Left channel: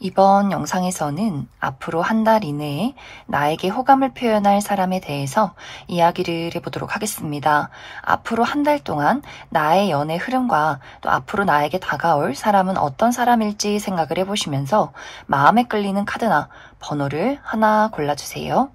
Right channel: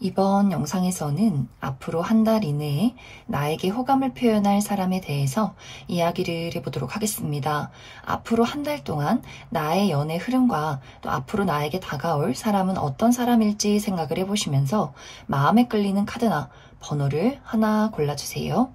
이번 영상에서는 앞으로 한 달 이내에 나에게 호감을 표현할 사람에 대해서 이야기를 해보도록 하겠습니다. 앞으로 한 달 동안 나의 연애 흐름과 또 앞으로 나에게 다가올 사람은 어떤 사람일지 생각을 해보시면서 마음에 끌리는 카드나 번호를 하나 골라주세요.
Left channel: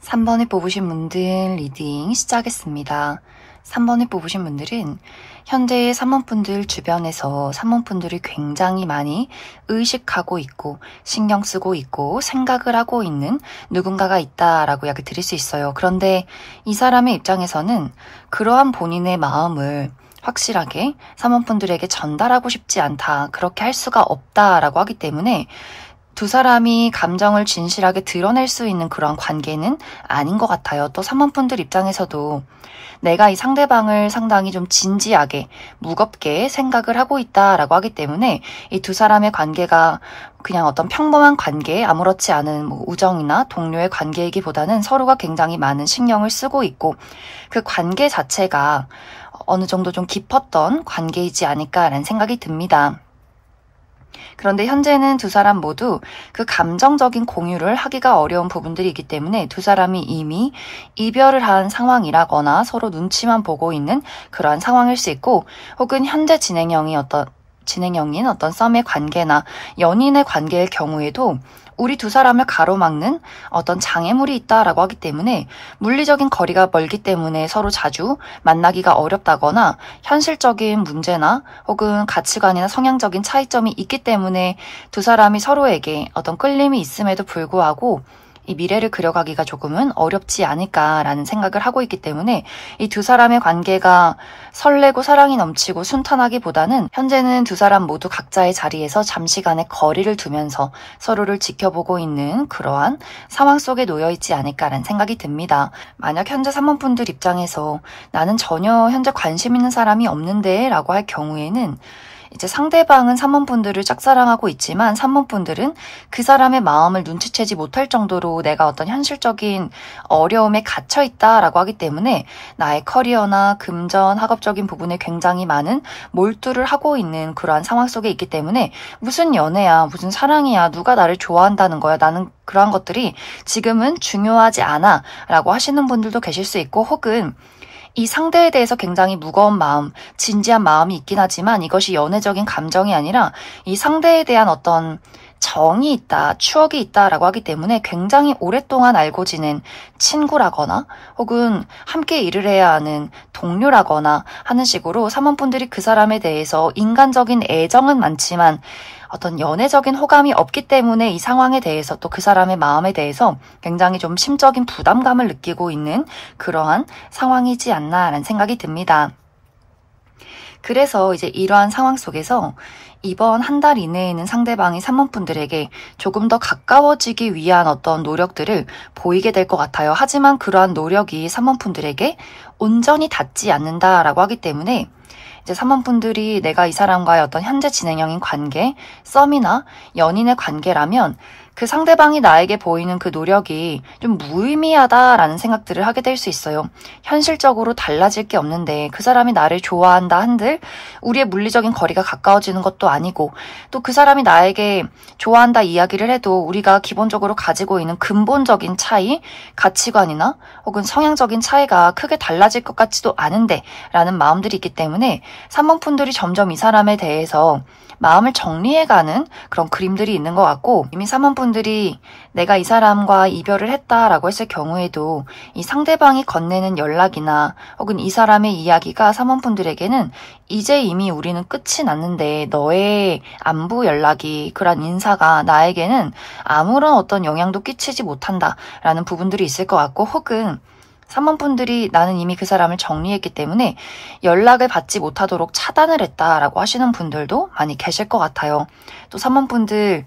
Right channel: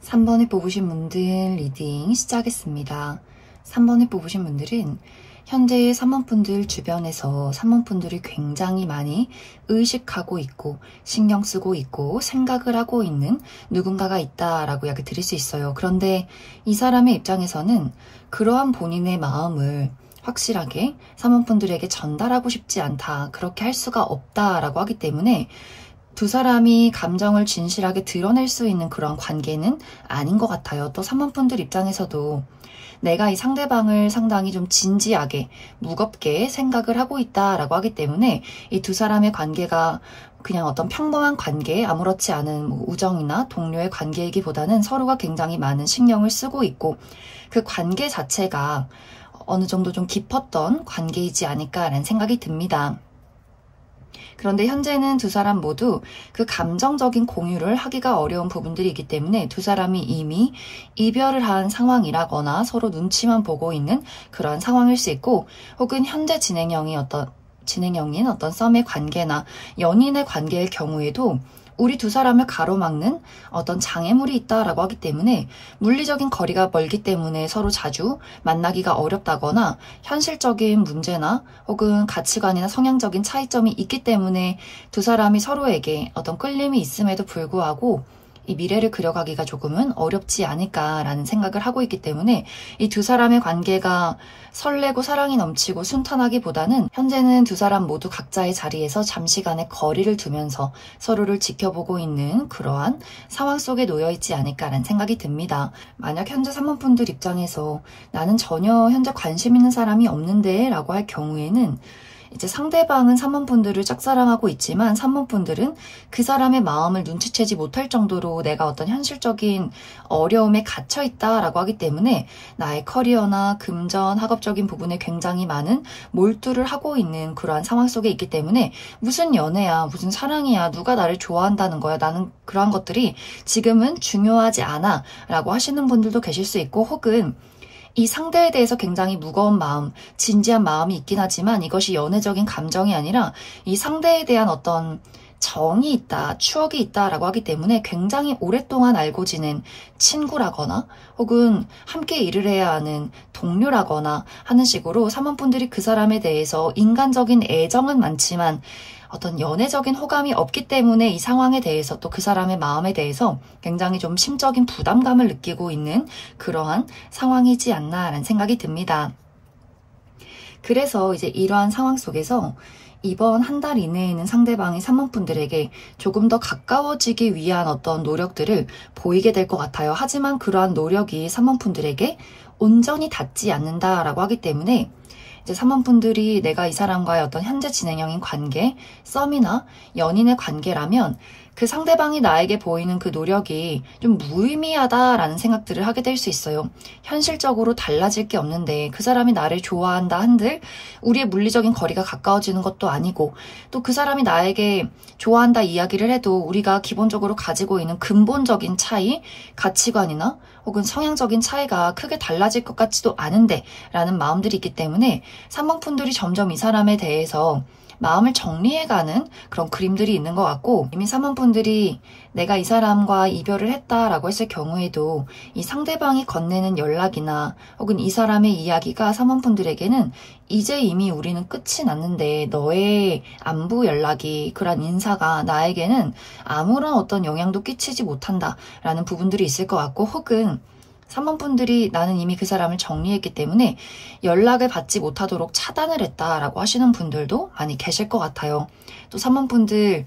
삼 번에 뽑으신 분들 리딩 시작하겠습니다. 3번에 뽑으신 분들은 현재의 3번분들 주변에서 3번분들이 굉장히 많이 의식하고 있고 신경 쓰고 있고 생각을 하고 있는 누군가가 있다라고 이야기 드릴 수 있어요. 그런데 이 사람의 입장에서는 그러한 본인의 마음을 확실하게 3번분들에게 전달하고 싶지 않다. 그렇게 할 수가 없다라고 하기 때문에 두 사람이 감정을 진실하게 드러낼 수 있는 그런 관계는 아닌 것 같아요. 또 3번분들 입장에서도 내가 이 상대방을 상당히 좀 진지하게 무겁게 생각을 하고 있다라고 하기 때문에 이 두 사람의 관계가 그냥 어떤 평범한 관계, 아무렇지 않은 뭐 우정이나 동료의 관계이기보다는 서로가 굉장히 많은 신경을 쓰고 있고 그 관계 자체가 어느 정도 좀 깊었던 관계이지 않을까라는 생각이 듭니다. 그런데 현재는 두 사람 모두 그 감정적인 공유를 하기가 어려운 부분들이 있기 때문에 두 사람이 이미 이별을 한 상황이라거나 서로 눈치만 보고 있는 그러한 상황일 수 있고 혹은 현재 진행형인 어떤 썸의 관계나 연인의 관계일 경우에도 우리 두 사람을 가로막는 어떤 장애물이 있다라고 하기 때문에 물리적인 거리가 멀기 때문에 서로 자주 만나기가 어렵다거나 현실적인 문제나 혹은 가치관이나 성향적인 차이점이 있기 때문에 두 사람이 서로에게 어떤 끌림이 있음에도 불구하고 이 미래를 그려가기가 조금은 어렵지 않을까라는 생각을 하고 있기 때문에 이 두 사람의 관계가 설레고 사랑이 넘치고 순탄하기보다는 현재는 두 사람 모두 각자의 자리에서 잠시간의 거리를 두면서 서로를 지켜보고 있는 그러한 상황 속에 놓여있지 않을까라는 생각이 듭니다. 만약 현재 3번분들 입장에서 나는 전혀 현재 관심 있는 사람이 없는데 라고 할 경우에는 이제 상대방은 3번분들을 짝사랑하고 있지만 3번분들은 그 사람의 마음을 눈치채지 못할 정도로 내가 어떤 현실적인 어려움에 갇혀 있다라고 하기 때문에 나의 커리어나 금전, 학업적인 부분에 굉장히 많은 몰두를 하고 있는 그러한 상황 속에 있기 때문에 무슨 연애야, 무슨 사랑이야, 누가 나를 좋아한다는 거야, 나는 그러한 것들이 지금은 중요하지 않아 라고 하시는 분들도 계실 수 있고 혹은 이 상대에 대해서 굉장히 무거운 마음, 진지한 마음이 있긴 하지만 이것이 연애적인 감정이 아니라 이 상대에 대한 어떤 정이 있다, 추억이 있다라고 하기 때문에 굉장히 오랫동안 알고 지낸 친구라거나 혹은 함께 일을 해야 하는 동료라거나 하는 식으로 사모분들이 그 사람에 대해서 인간적인 애정은 많지만 어떤 연애적인 호감이 없기 때문에 이 상황에 대해서 또 그 사람의 마음에 대해서 굉장히 좀 심적인 부담감을 느끼고 있는 그러한 상황이지 않나라는 생각이 듭니다. 그래서 이제 이러한 상황 속에서 이번 한 달 이내에는 상대방이 사모분들에게 조금 더 가까워지기 위한 어떤 노력들을 보이게 될 것 같아요. 하지만 그러한 노력이 사모분들에게 온전히 닿지 않는다라고 하기 때문에 이제 사모분들이 내가 이 사람과의 어떤 현재 진행형인 관계, 썸이나 연인의 관계라면 그 상대방이 나에게 보이는 그 노력이 좀 무의미하다라는 생각들을 하게 될 수 있어요. 현실적으로 달라질 게 없는데 그 사람이 나를 좋아한다 한들 우리의 물리적인 거리가 가까워지는 것도 아니고 또 그 사람이 나에게 좋아한다 이야기를 해도 우리가 기본적으로 가지고 있는 근본적인 차이, 가치관이나 혹은 성향적인 차이가 크게 달라질 것 같지도 않은데 라는 마음들이 있기 때문에 사모분들이 점점 이 사람에 대해서 마음을 정리해가는 그런 그림들이 있는 것 같고 이미 사모분들이 내가 이 사람과 이별을 했다라고 했을 경우에도 이 상대방이 건네는 연락이나 혹은 이 사람의 이야기가 사모분들에게는 이제 이미 우리는 끝이 났는데 너의 안부 연락이 그런 인사가 나에게는 아무런 어떤 영향도 끼치지 못한다라는 부분들이 있을 것 같고 혹은 사모분들이 나는 이미 그 사람을 정리했기 때문에 연락을 받지 못하도록 차단을 했다라고 하시는 분들도 많이 계실 것 같아요. 또 사모분들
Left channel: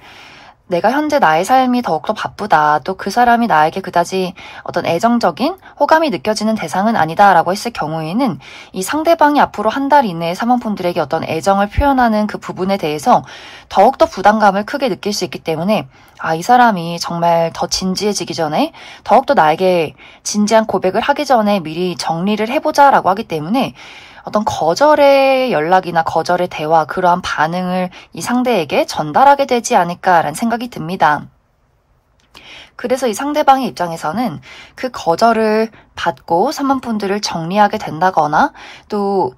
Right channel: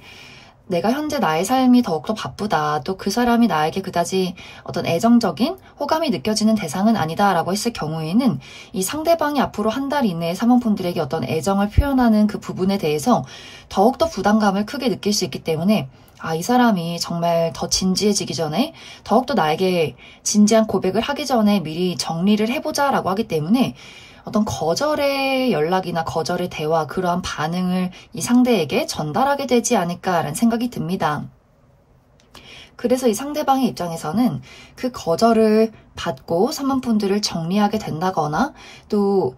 내가 현재 나의 삶이 더욱더 바쁘다. 또 그 사람이 나에게 그다지 어떤 애정적인 호감이 느껴지는 대상은 아니다라고 했을 경우에는 이 상대방이 앞으로 한 달 이내에 사모분들에게 어떤 애정을 표현하는 그 부분에 대해서 더욱더 부담감을 크게 느낄 수 있기 때문에 이 사람이 정말 더 진지해지기 전에 더욱더 나에게 진지한 고백을 하기 전에 미리 정리를 해보자라고 하기 때문에 어떤 거절의 연락이나 거절의 대화, 그러한 반응을 이 상대에게 전달하게 되지 않을까라는 생각이 듭니다. 그래서 이 상대방의 입장에서는 그 거절을 받고 사모분들을 정리하게 된다거나 또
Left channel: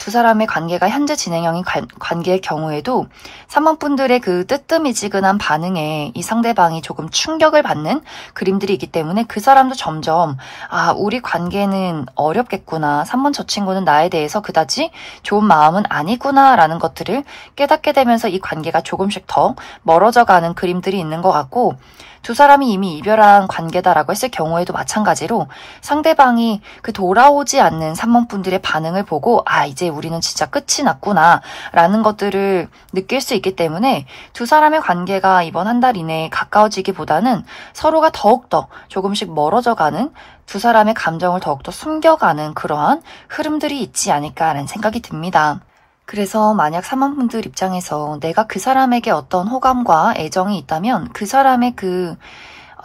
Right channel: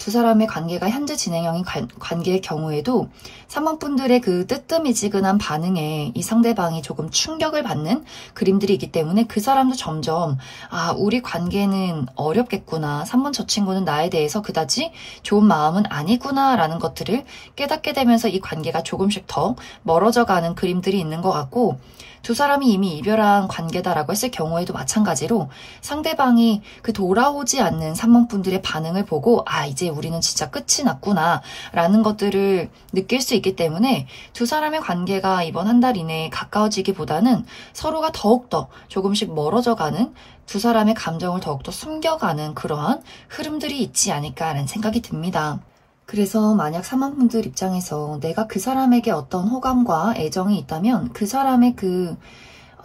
두 사람의 관계가 현재 진행형인 관계의 경우에도 사모분들의 그 뜨뜻미지근한 반응에 이 상대방이 조금 충격을 받는 그림들이 있기 때문에 그 사람도 점점 우리 관계는 어렵겠구나. 3번 저 친구는 나에 대해서 그다지 좋은 마음은 아니구나 라는 것들을 깨닫게 되면서 이 관계가 조금씩 더 멀어져가는 그림들이 있는 것 같고 두 사람이 이미 이별한 관계다라고 했을 경우에도 마찬가지로 상대방이 그 돌아오지 않는 사모분들의 반응을 보고 이제 우리는 진짜 끝이 났구나 라는 것들을 느낄 수 있기 때문에 두 사람의 관계가 이번 한 달 이내에 가까워지기보다는 서로가 더욱더 조금씩 멀어져가는 두 사람의 감정을 더욱더 숨겨가는 그러한 흐름들이 있지 않을까라는 생각이 듭니다. 그래서 만약 사모분들 입장에서 내가 그 사람에게 어떤 호감과 애정이 있다면 그 사람의 그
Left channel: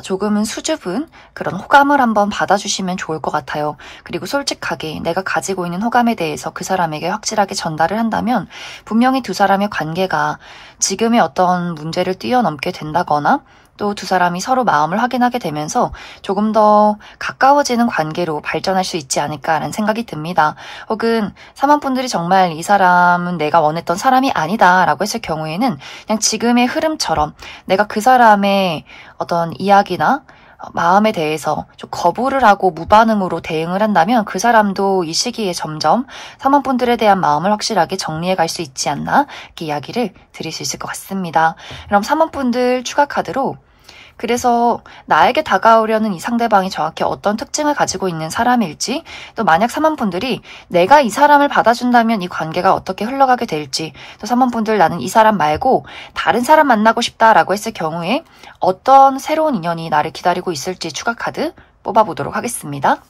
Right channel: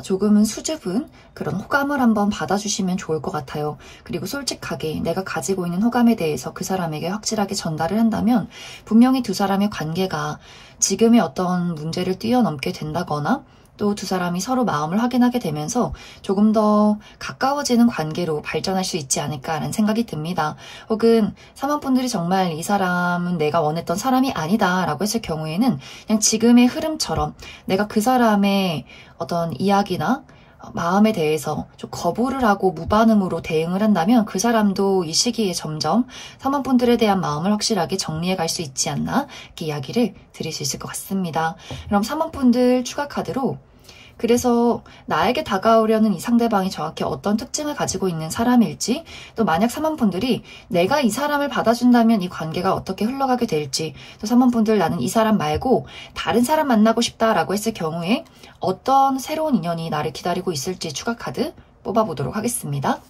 조금은 수줍은 그런 호감을 한번 받아주시면 좋을 것 같아요. 그리고 솔직하게 내가 가지고 있는 호감에 대해서 그 사람에게 확실하게 전달을 한다면 분명히 두 사람의 관계가 지금의 어떤 문제를 뛰어넘게 된다거나 또 두 사람이 서로 마음을 확인하게 되면서 조금 더 가까워지는 관계로 발전할 수 있지 않을까라는 생각이 듭니다. 혹은 사모분들이 정말 이 사람은 내가 원했던 사람이 아니다 라고 했을 경우에는 그냥 지금의 흐름처럼 내가 그 사람의 어떤 이야기나 마음에 대해서 좀 거부를 하고 무반응으로 대응을 한다면 그 사람도 이 시기에 점점 사모분들에 대한 마음을 확실하게 정리해 갈 수 있지 않나 이렇게 이야기를 드릴 수 있을 것 같습니다. 그럼 사모분들 추가 카드로 그래서 나에게 다가오려는 이 상대방이 정확히 어떤 특징을 가지고 있는 사람일지 또 만약 사모분들이 내가 이 사람을 받아준다면 이 관계가 어떻게 흘러가게 될지 또 사모분들 나는 이 사람 말고 다른 사람 만나고 싶다라고 했을 경우에 어떤 새로운 인연이 나를 기다리고 있을지 추가 카드 뽑아보도록 하겠습니다.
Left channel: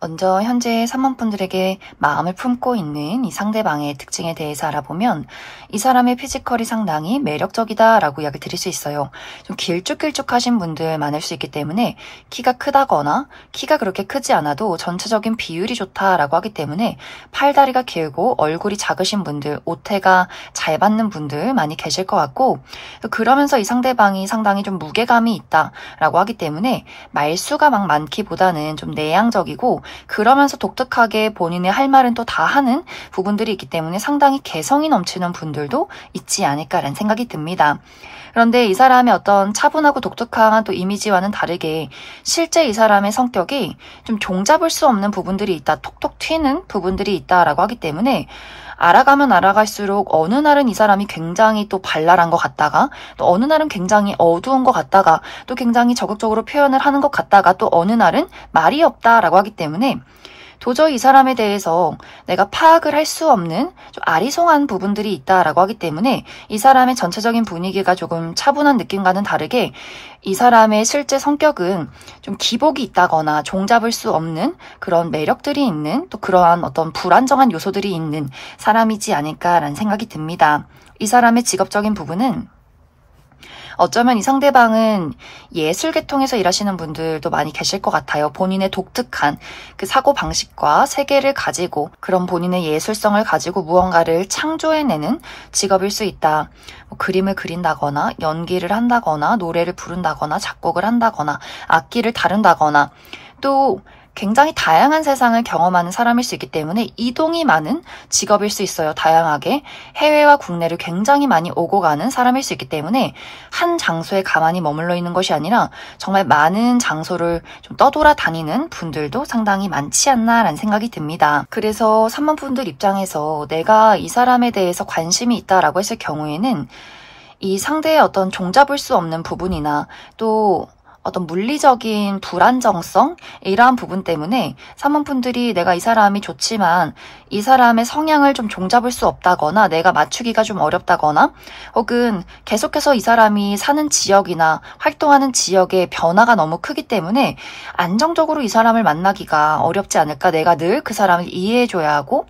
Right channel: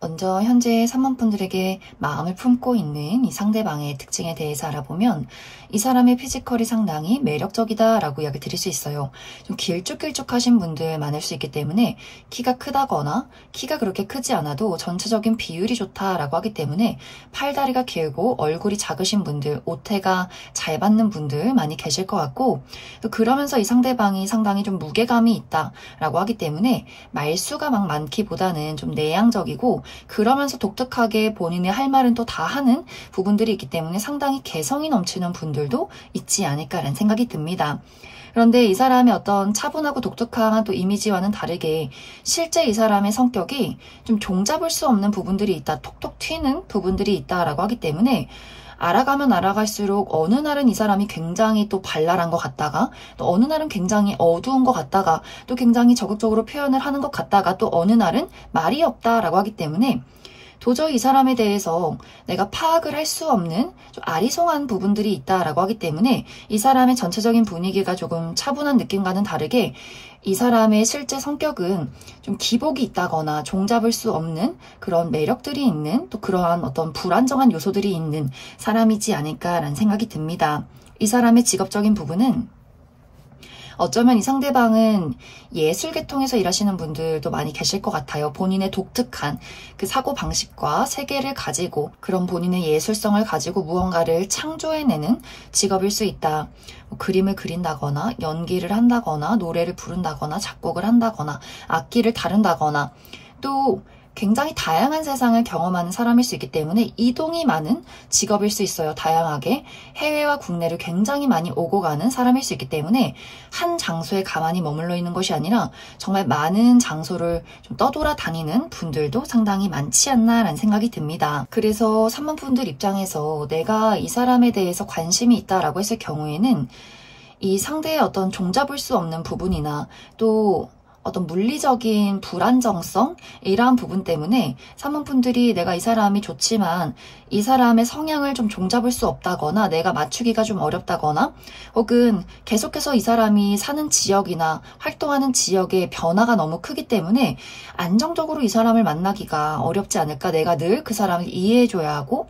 먼저 현재 사모분들에게 마음을 품고 있는 이 상대방의 특징에 대해서 알아보면 이 사람의 피지컬이 상당히 매력적이다 라고 이야기 드릴 수 있어요. 좀 길쭉길쭉하신 분들 많을 수 있기 때문에 키가 크다거나 키가 그렇게 크지 않아도 전체적인 비율이 좋다라고 하기 때문에 팔다리가 길고 얼굴이 작으신 분들, 옷태가 잘 받는 분들 많이 계실 것 같고, 그러면서 이 상대방이 상당히 좀 무게감이 있다라고 하기 때문에 말수가 막 많기보다는 좀 내향적이고, 그러면서 독특하게 본인의 할 말은 또 다 하는 부분들이 있기 때문에 상당히 개성이 넘치는 분들도 있지 않을까라는 생각이 듭니다. 그런데 이 사람의 어떤 차분하고 독특한 또 이미지와는 다르게 실제 이 사람의 성격이 좀 종잡을 수 없는 부분들이 있다, 톡톡 튀는 부분들이 있다라고 하기 때문에 알아가면 알아갈수록 어느 날은 이 사람이 굉장히 또 발랄한 것 같다가, 또 어느 날은 굉장히 어두운 것 같다가, 또 굉장히 적극적으로 표현을 하는 것 같다가, 또 어느 날은 말이 없다라고 하기 때문에 도저히 이 사람에 대해서 내가 파악을 할 수 없는 좀 아리송한 부분들이 있다라고 하기 때문에 이 사람의 전체적인 분위기가 조금 차분한 느낌과는 다르게 이 사람의 실제 성격은 좀 기복이 있다거나 종잡을 수 없는 그런 매력들이 있는, 또 그러한 어떤 불안정한 요소들이 있는 사람이지 않을까라는 생각이 듭니다. 이 사람의 직업적인 부분은 어쩌면 이 상대방은 예술계통에서 일하시는 분들도 많이 계실 것 같아요. 본인의 독특한 그 사고방식과 세계를 가지고, 그런 본인의 예술성을 가지고 무언가를 창조해내는 직업일 수 있다. 뭐 그림을 그린다거나 연기를 한다거나 노래를 부른다거나 작곡을 한다거나 악기를 다룬다거나, 또 굉장히 다양한 세상을 경험하는 사람일 수 있기 때문에 이동이 많은 직업일 수 있어요. 다양하게 해외와 국내를 굉장히 많이 오고 가는 사람일 수 있기 때문에 한 장소에 가만히 머물러 있는 것이 아니라 정말 많은 장소를 좀 떠돌아다니는 분들도 상당히 많지 않나라는 생각이 듭니다. 그래서 3번 분들 입장에서 내가 이 사람에 대해서 관심이 있다라고 했을 경우에는 이 상대의 어떤 종잡을 수 없는 부분이나 또 어떤 물리적인 불안정성, 이러한 부분 때문에 3번 분들이 내가 이 사람이 좋지만 이 사람의 성향을 좀 종잡을 수 없다거나 내가 맞추기가 좀 어렵다거나, 혹은 계속해서 이 사람이 사는 지역이나 활동하는 지역의 변화가 너무 크기 때문에 안정적으로 이 사람을 만나기가 어렵지 않을까, 내가 늘 그 사람을 이해해줘야 하고,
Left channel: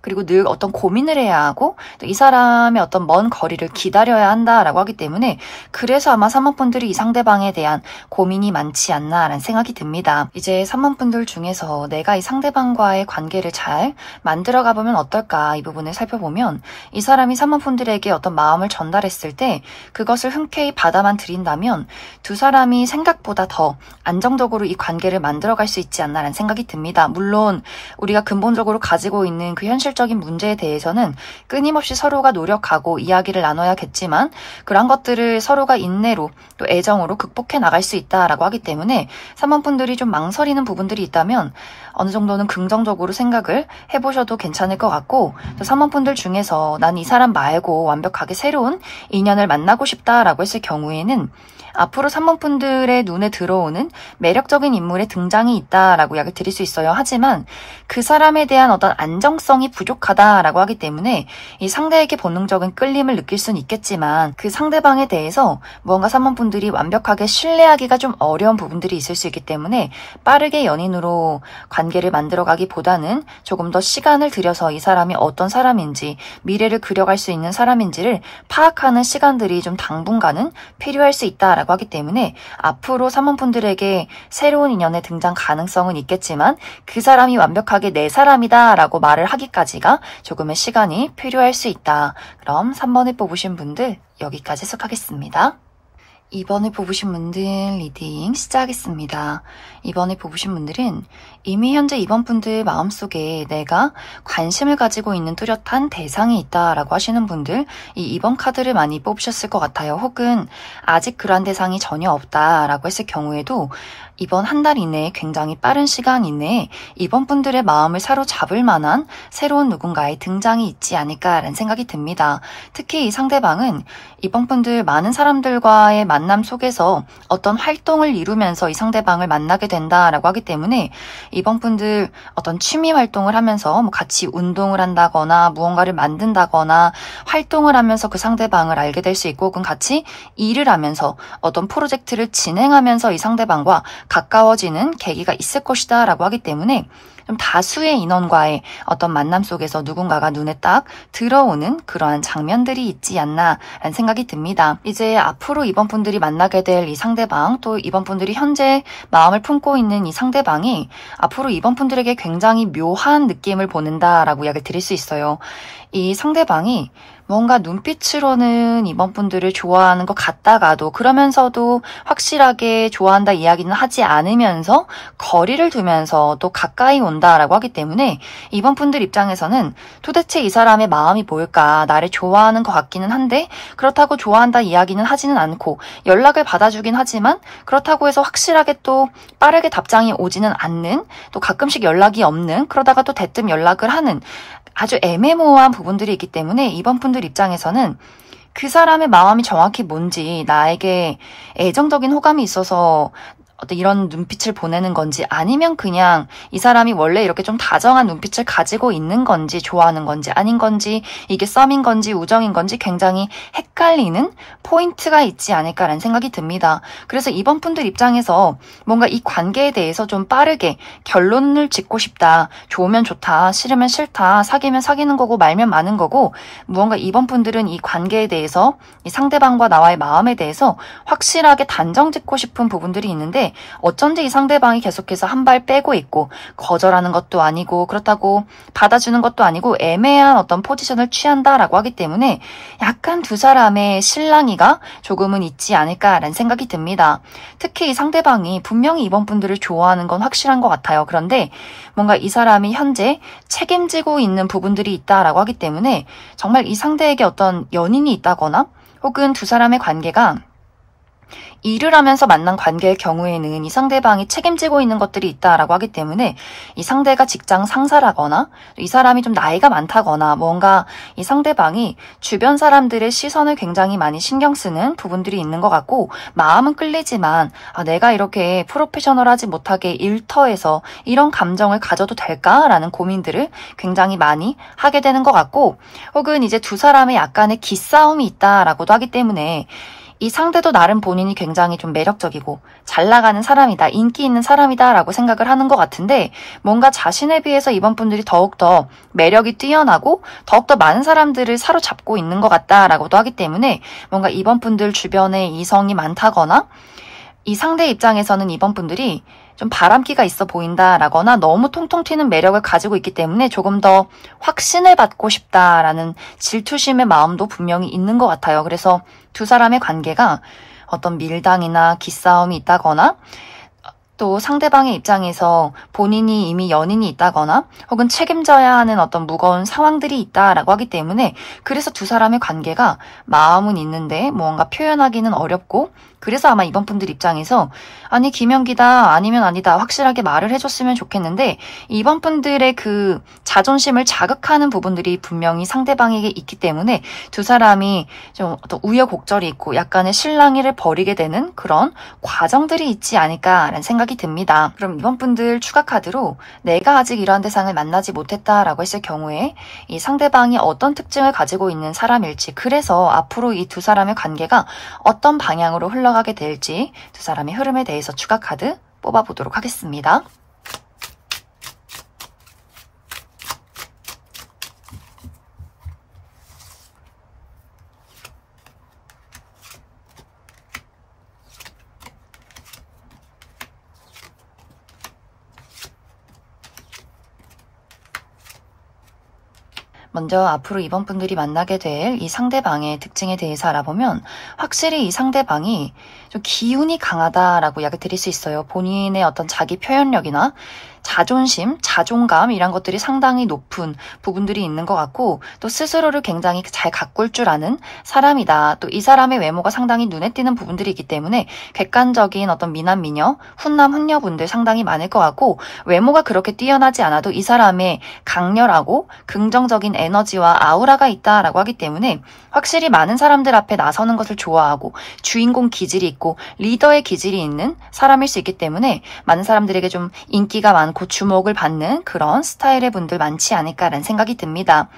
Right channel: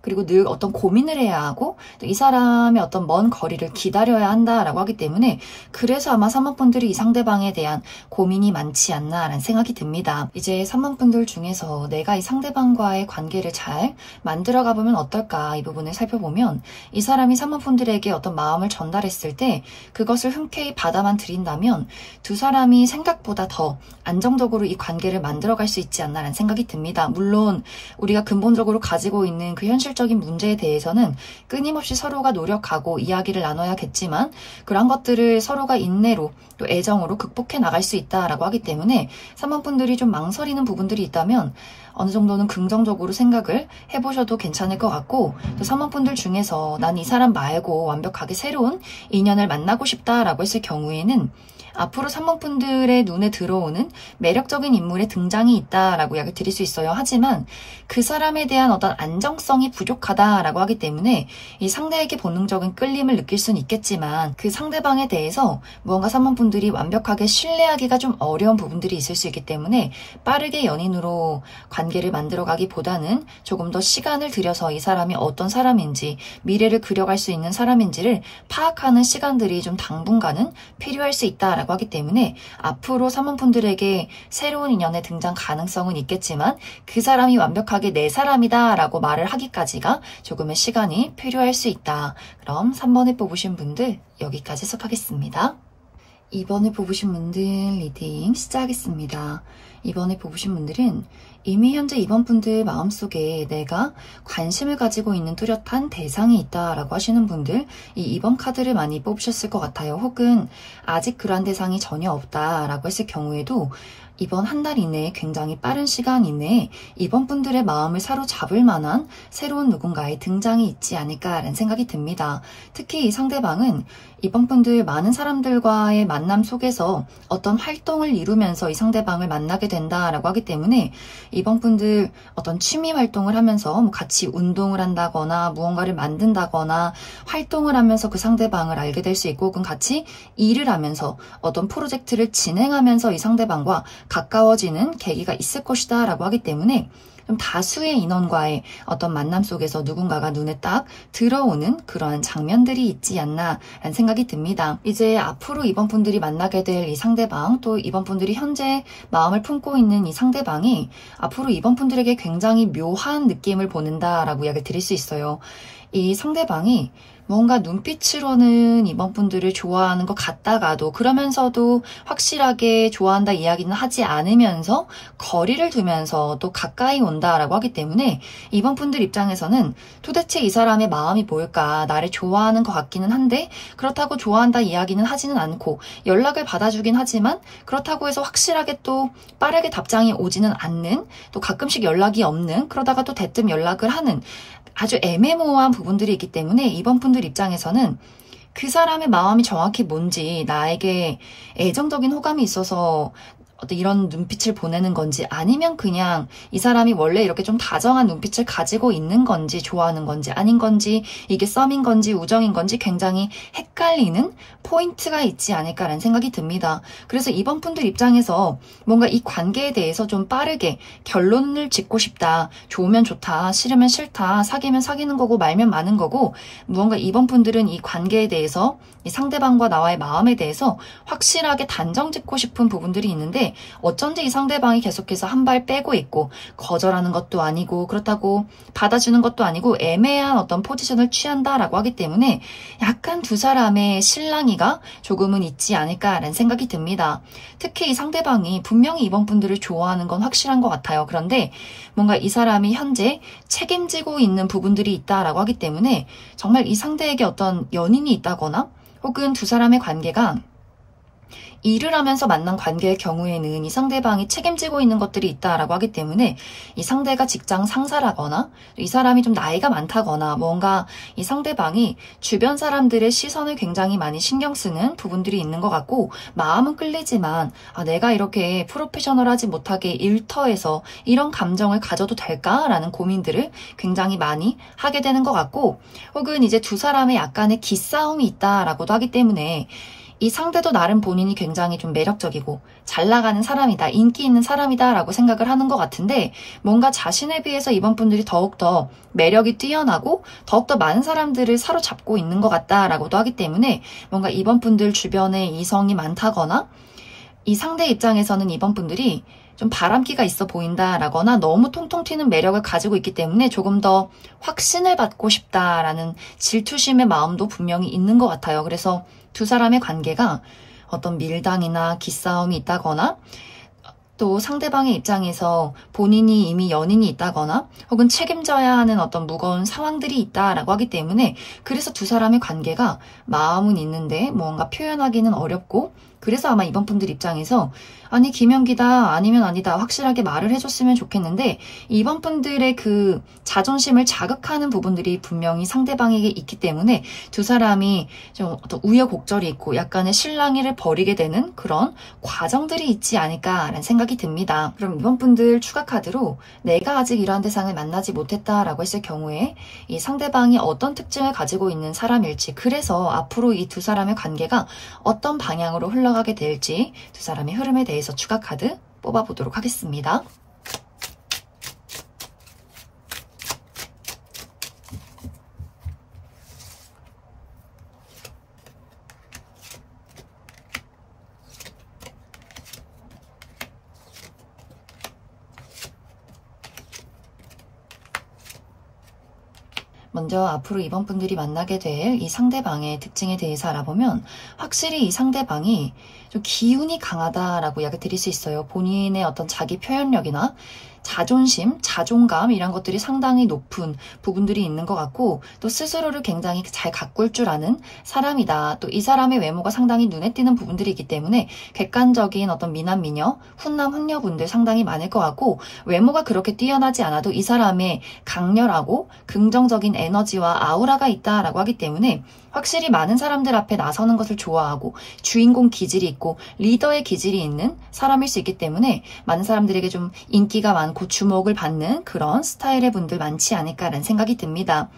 그리고 늘 어떤 고민을 해야 하고, 또 이 사람의 어떤 먼 거리를 기다려야 한다라고 하기 때문에 그래서 아마 3번 분들이 이 상대방에 대한 고민이 많지 않나라는 생각이 듭니다. 이제 3번 분들 중에서 내가 이 상대방과의 관계를 잘 만들어 가보면 어떨까, 이 부분을 살펴보면 이 사람이 3번 분들에게 어떤 마음을 전달했을 때 그것을 흔쾌히 받아만 들인다면 두 사람이 생각보다 더 안정적으로 이 관계를 만들어 갈 수 있지 않나라는 생각이 듭니다. 물론 우리가 근본적으로 가지고 있는 그 현실적인 문제에 대해서는 끊임없이 서로가 노력하고 이야기를 나눠야겠지만, 그런 것들을 서로가 인내로 또 애정으로 극복해 나갈 수 있다라고 하기 때문에 3번 분들이 좀 망설이는 부분들이 있다면 어느 정도는 긍정적으로 생각을 해보셔도 괜찮을 것 같고, 또 3번 분들 중에서 난 이 사람 말고 완벽하게 새로운 인연을 만나고 싶다라고 했을 경우에는 앞으로 3번 분들의 눈에 들어오는 매력적인 인물의 등장이 있다라고 이야기 드릴 수 있어요. 하지만 그 사람에 대한 어떤 안정성이 부족하다라고 하기 때문에 이 상대에게 본능적인 끌림을 느낄 수는 있겠지만 그 상대방에 대해서 무언가 3번 분들이 완벽하게 신뢰하기가 좀 어려운 부분들이 있을 수 있기 때문에 빠르게 연인으로 관계를 만들어가기보다는 조금 더 시간을 들여서 이 사람이 어떤 사람인지, 미래를 그려갈 수 있는 사람인지를 파악하는 시간들이 좀 당분간은 필요할 수 있다라고 하기 때문에 앞으로 3번 분들에게 새로운 인연의 등장 가능성은 있겠지만 그 사람이 완벽하게 내 사람이다 라고 말을 하기까지가 조금의 시간이 필요할 수 있다. 그럼 3번을 뽑으신 분들 여기까지 해석하겠습니다. 2번을 뽑으신 분들 리딩 시작하겠습니다. 2번을 뽑으신 분들은 이미 현재 2번 분들 마음속에 내가 관심을 가지고 있는 뚜렷한 대상이 있다라고 하시는 분들, 이 2번 카드를 많이 뽑으셨을 것 같아요. 혹은 아직 그러한 대상이 전혀 없다라고 했을 경우에도 이번 한 달 이내에 굉장히 빠른 시간 이내에 이번 분들의 마음을 사로잡을 만한 새로운 누군가의 등장이 있지 않을까라는 생각이 듭니다. 특히 이 상대방은 이번 분들 많은 사람들과의 만남 속에서 어떤 활동을 이루면서 이 상대방을 만나게 된다라고 하기 때문에 이번 분들 어떤 취미 활동을 하면서 뭐 같이 운동을 한다거나 무언가를 만든다거나 활동을 하면서 그 상대방을 알게 될 수 있고, 혹은 같이 일을 하면서 어떤 프로젝트를 진행하면서 이 상대방과 가까워지는 계기가 있을 것이다 라고 하기 때문에 좀 다수의 인원과의 어떤 만남 속에서 누군가가 눈에 딱 들어오는 그러한 장면들이 있지 않나라는 생각이 듭니다. 이제 앞으로 이번 분들이 만나게 될 이 상대방, 또 이번 분들이 현재 마음을 품고 있는 이 상대방이 앞으로 이번 분들에게 굉장히 묘한 느낌을 보낸다라고 이야기를 드릴 수 있어요. 이 상대방이 뭔가 눈빛으로는 이번 분들을 좋아하는 것 같다가도 그러면서도 확실하게 좋아한다 이야기는 하지 않으면서 거리를 두면서 또 가까이 온다라고 하기 때문에 이번 분들 입장에서는 도대체 이 사람의 마음이 뭘까, 나를 좋아하는 것 같기는 한데 그렇다고 좋아한다 이야기는 하지는 않고 연락을 받아주긴 하지만 그렇다고 해서 확실하게 또 빠르게 답장이 오지는 않는, 또 가끔씩 연락이 없는, 그러다가 또 대뜸 연락을 하는 아주 애매모호한 부분들이 있기 때문에 이번 분들 입장에서는 그 사람의 마음이 정확히 뭔지, 나에게 애정적인 호감이 있어서 어떤 이런 눈빛을 보내는 건지, 아니면 그냥 이 사람이 원래 이렇게 좀 다정한 눈빛을 가지고 있는 건지, 좋아하는 건지 아닌 건지, 이게 썸인 건지 우정인 건지 굉장히 헷갈리는 포인트가 있지 않을까라는 생각이 듭니다. 그래서 이번 분들 입장에서 뭔가 이 관계에 대해서 좀 빠르게 결론을 짓고 싶다, 좋으면 좋다, 싫으면 싫다, 사귀면 사귀는 거고 말면 마는 거고, 무언가 이번 분들은 이 관계에 대해서, 이 상대방과 나와의 마음에 대해서 확실하게 단정 짓고 싶은 부분들이 있는데 어쩐지 이 상대방이 계속해서 한 발 빼고 있고, 거절하는 것도 아니고 그렇다고 받아주는 것도 아니고 애매한 어떤 포지션을 취한다라고 하기 때문에 약간 두 사람의 실랑이가 조금은 있지 않을까라는 생각이 듭니다. 특히 이 상대방이 분명히 이번 분들을 좋아하는 건 확실한 것 같아요. 그런데 뭔가 이 사람이 현재 책임지고 있는 부분들이 있다라고 하기 때문에 정말 이 상대에게 어떤 연인이 있다거나 혹은 두 사람의 관계가 일을 하면서 만난 관계의 경우에는 이 상대방이 책임지고 있는 것들이 있다라고 하기 때문에 이 상대가 직장 상사라거나 이 사람이 좀 나이가 많다거나 뭔가 이 상대방이 주변 사람들의 시선을 굉장히 많이 신경 쓰는 부분들이 있는 것 같고, 마음은 끌리지만 내가 이렇게 프로페셔널하지 못하게 일터에서 이런 감정을 가져도 될까라는 고민들을 굉장히 많이 하게 되는 것 같고, 혹은 이제 두 사람의 약간의 기싸움이 있다라고도 하기 때문에 이 상대도 나름 본인이 굉장히 좀 매력적이고 잘 나가는 사람이다, 인기 있는 사람이다 라고 생각을 하는 것 같은데, 뭔가 자신에 비해서 이번 분들이 더욱더 매력이 뛰어나고 더욱더 많은 사람들을 사로잡고 있는 것 같다라고도 하기 때문에 뭔가 이번 분들 주변에 이성이 많다거나 이 상대 입장에서는 이번 분들이 좀 바람기가 있어 보인다라거나 너무 통통 튀는 매력을 가지고 있기 때문에 조금 더 확신을 받고 싶다라는 질투심의 마음도 분명히 있는 것 같아요. 그래서 두 사람의 관계가 어떤 밀당이나 기싸움이 있다거나, 또 상대방의 입장에서 본인이 이미 연인이 있다거나 혹은 책임져야 하는 어떤 무거운 상황들이 있다라고 하기 때문에, 그래서 두 사람의 관계가 마음은 있는데 뭔가 표현하기는 어렵고, 그래서 아마 이번 분들 입장에서 아니 김연기다 아니면 아니다 확실하게 말을 해줬으면 좋겠는데, 이번 분들의 그 자존심을 자극하는 부분들이 분명히 상대방에게 있기 때문에 두 사람이 좀 어떤 우여곡절이 있고 약간의 실랑이를 벌이게 되는 그런 과정들이 있지 않을까라는 생각이 듭니다. 그럼 이번 분들 추가 카드로 내가 아직 이러한 대상을 만나지 못했다라고 했을 경우에 이 상대방이 어떤 특징을 가지고 있는 사람일지, 그래서 앞으로 이 두 사람의 관계가 어떤 방향으로 흘러가게 될지 두 사람의 흐름에 대해서 추가 카드 뽑아보도록 하겠습니다. 먼저 앞으로 이번 분들이 만나게 될 이 상대방의 특징에 대해서 알아보면, 확실히 이 상대방이 좀 기운이 강하다라고 이야기 드릴 수 있어요. 본인의 어떤 자기 표현력이나 자존심, 자존감 이런 것들이 상당히 높은 부분들이 있는 것 같고, 또 스스로를 굉장히 잘 가꿀 줄 아는 사람이다. 또 이 사람의 외모가 상당히 눈에 띄는 부분들이 있기 때문에 객관적인 어떤 미남, 미녀, 훈남, 훈녀분들 상당히 많을 것 같고, 외모가 그렇게 뛰어나지 않아도 이 사람의 강렬하고 긍정적인 에너지와 아우라가 있다라고 하기 때문에 확실히 많은 사람들 앞에 나서는 것을 좋아하고 주인공 기질이 있고 리더의 기질이 있는 사람일 수 있기 때문에 많은 사람들에게 좀 인기가 많고 주목을 받는 그런 스타일의 분들 많지 않을까라는 생각이 듭니다.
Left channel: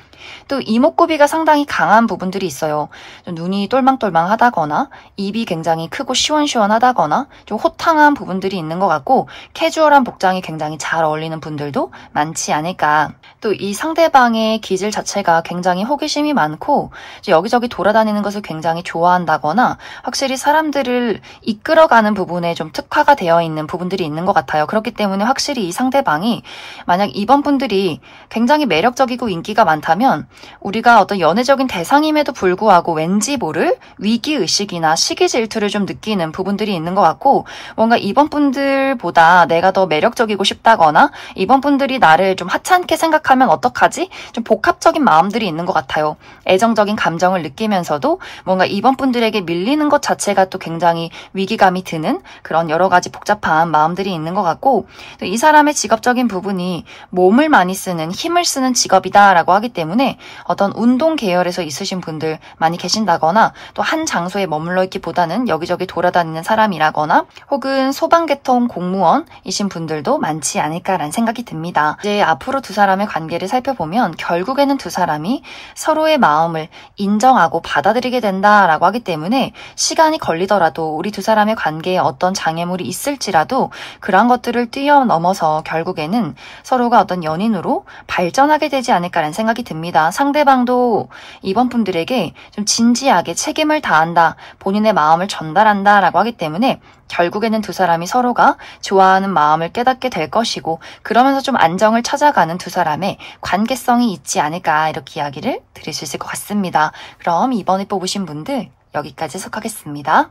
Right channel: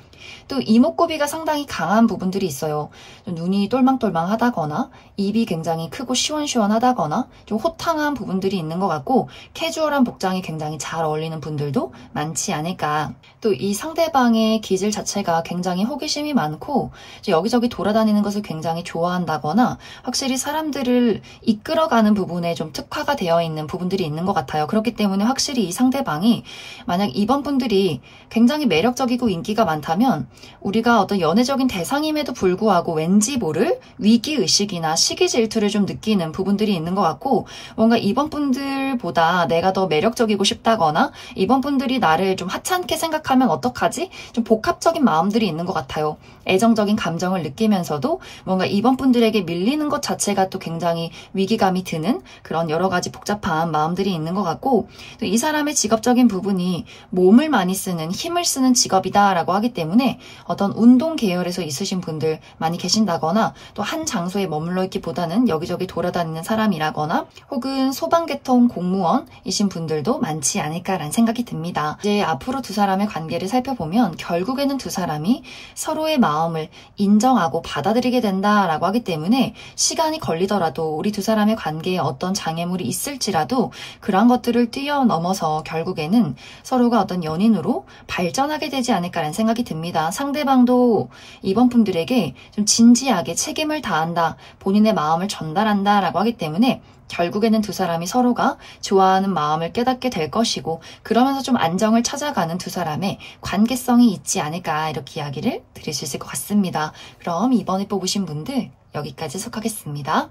또 이목구비가 상당히 강한 부분들이 있어요. 좀 눈이 똘망똘망하다거나 입이 굉장히 크고 시원시원하다거나 좀 호탕한 부분들이 있는 것 같고 캐주얼한 복장이 굉장히 잘 어울리는 분들도 많지 않을까. 또 이 상대방의 기질 자체가 굉장히 호기심이 많고 여기저기 돌아다니는 것을 굉장히 좋아한다거나 확실히 사람들을 이끌어가는 부분에 좀 특화가 되어 있는 부분들이 있는 것 같아요. 그렇기 때문에 확실히 이 상대방이 만약 이번 분들이 굉장히 매력적이고 인기가 많다면 우리가 어떤 연애적인 대상임에도 불구하고 왠지 모를 위기의식이나 시기 질투를 좀 느끼는 부분들이 있는 것 같고 뭔가 이번 분들보다 내가 더 매력적이고 싶다거나 이번 분들이 나를 좀 하찮게 생각하면 어떡하지? 좀 복합적인 마음들이 있는 것 같아요. 애정적인 감정을 느끼면서도 뭔가 이번 분들에게 밀리는 것 자체가 또 굉장히 위기감이 드는 그런 여러 가지 복잡한 마음들이 있는 것 같고 또 이 사람의 직업적인 부분이 몸을 많이 쓰는 힘을 쓰는 직업이다라고 하기 때문에 어떤 운동 계열에서 있으신 분들 많이 계신다거나 또 한 장소에 머물러 있기보다는 여기저기 돌아다니는 사람이라거나 혹은 소방계통 공무원이신 분들도 많지 않을까라는 생각이 듭니다. 이제 앞으로 두 사람의 관계를 살펴보면 결국에는 두 사람이 서로의 마음을 인정하고 받아들이게 된다라고 하기 때문에 시간이 걸리더라도 우리 두 사람의 관계에 어떤 장애물이 있을지라도 그러한 것들을 뛰어넘어서 결국에는 서로가 어떤 연인으로 발전하게 되지 않을까라는 생각이 듭니다. 상대방도 이번 분들에게 좀 진지하게 책임을 다한다, 본인의 마음을 전달한다 라고 하기 때문에 결국에는 두 사람이 서로가 좋아하는 마음을 깨닫게 될 것이고 그러면서 좀 안정을 찾아가는 두 사람의 관계성이 있지 않을까 이렇게 이야기를 드릴 수 있을 것 같습니다. 그럼 2번에 뽑으신 분들 여기까지 해석하겠습니다.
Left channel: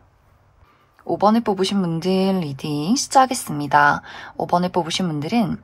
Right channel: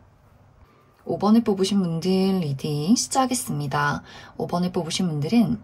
5번을 뽑으신 분들 리딩 시작하겠습니다. 5번을 뽑으신 분들은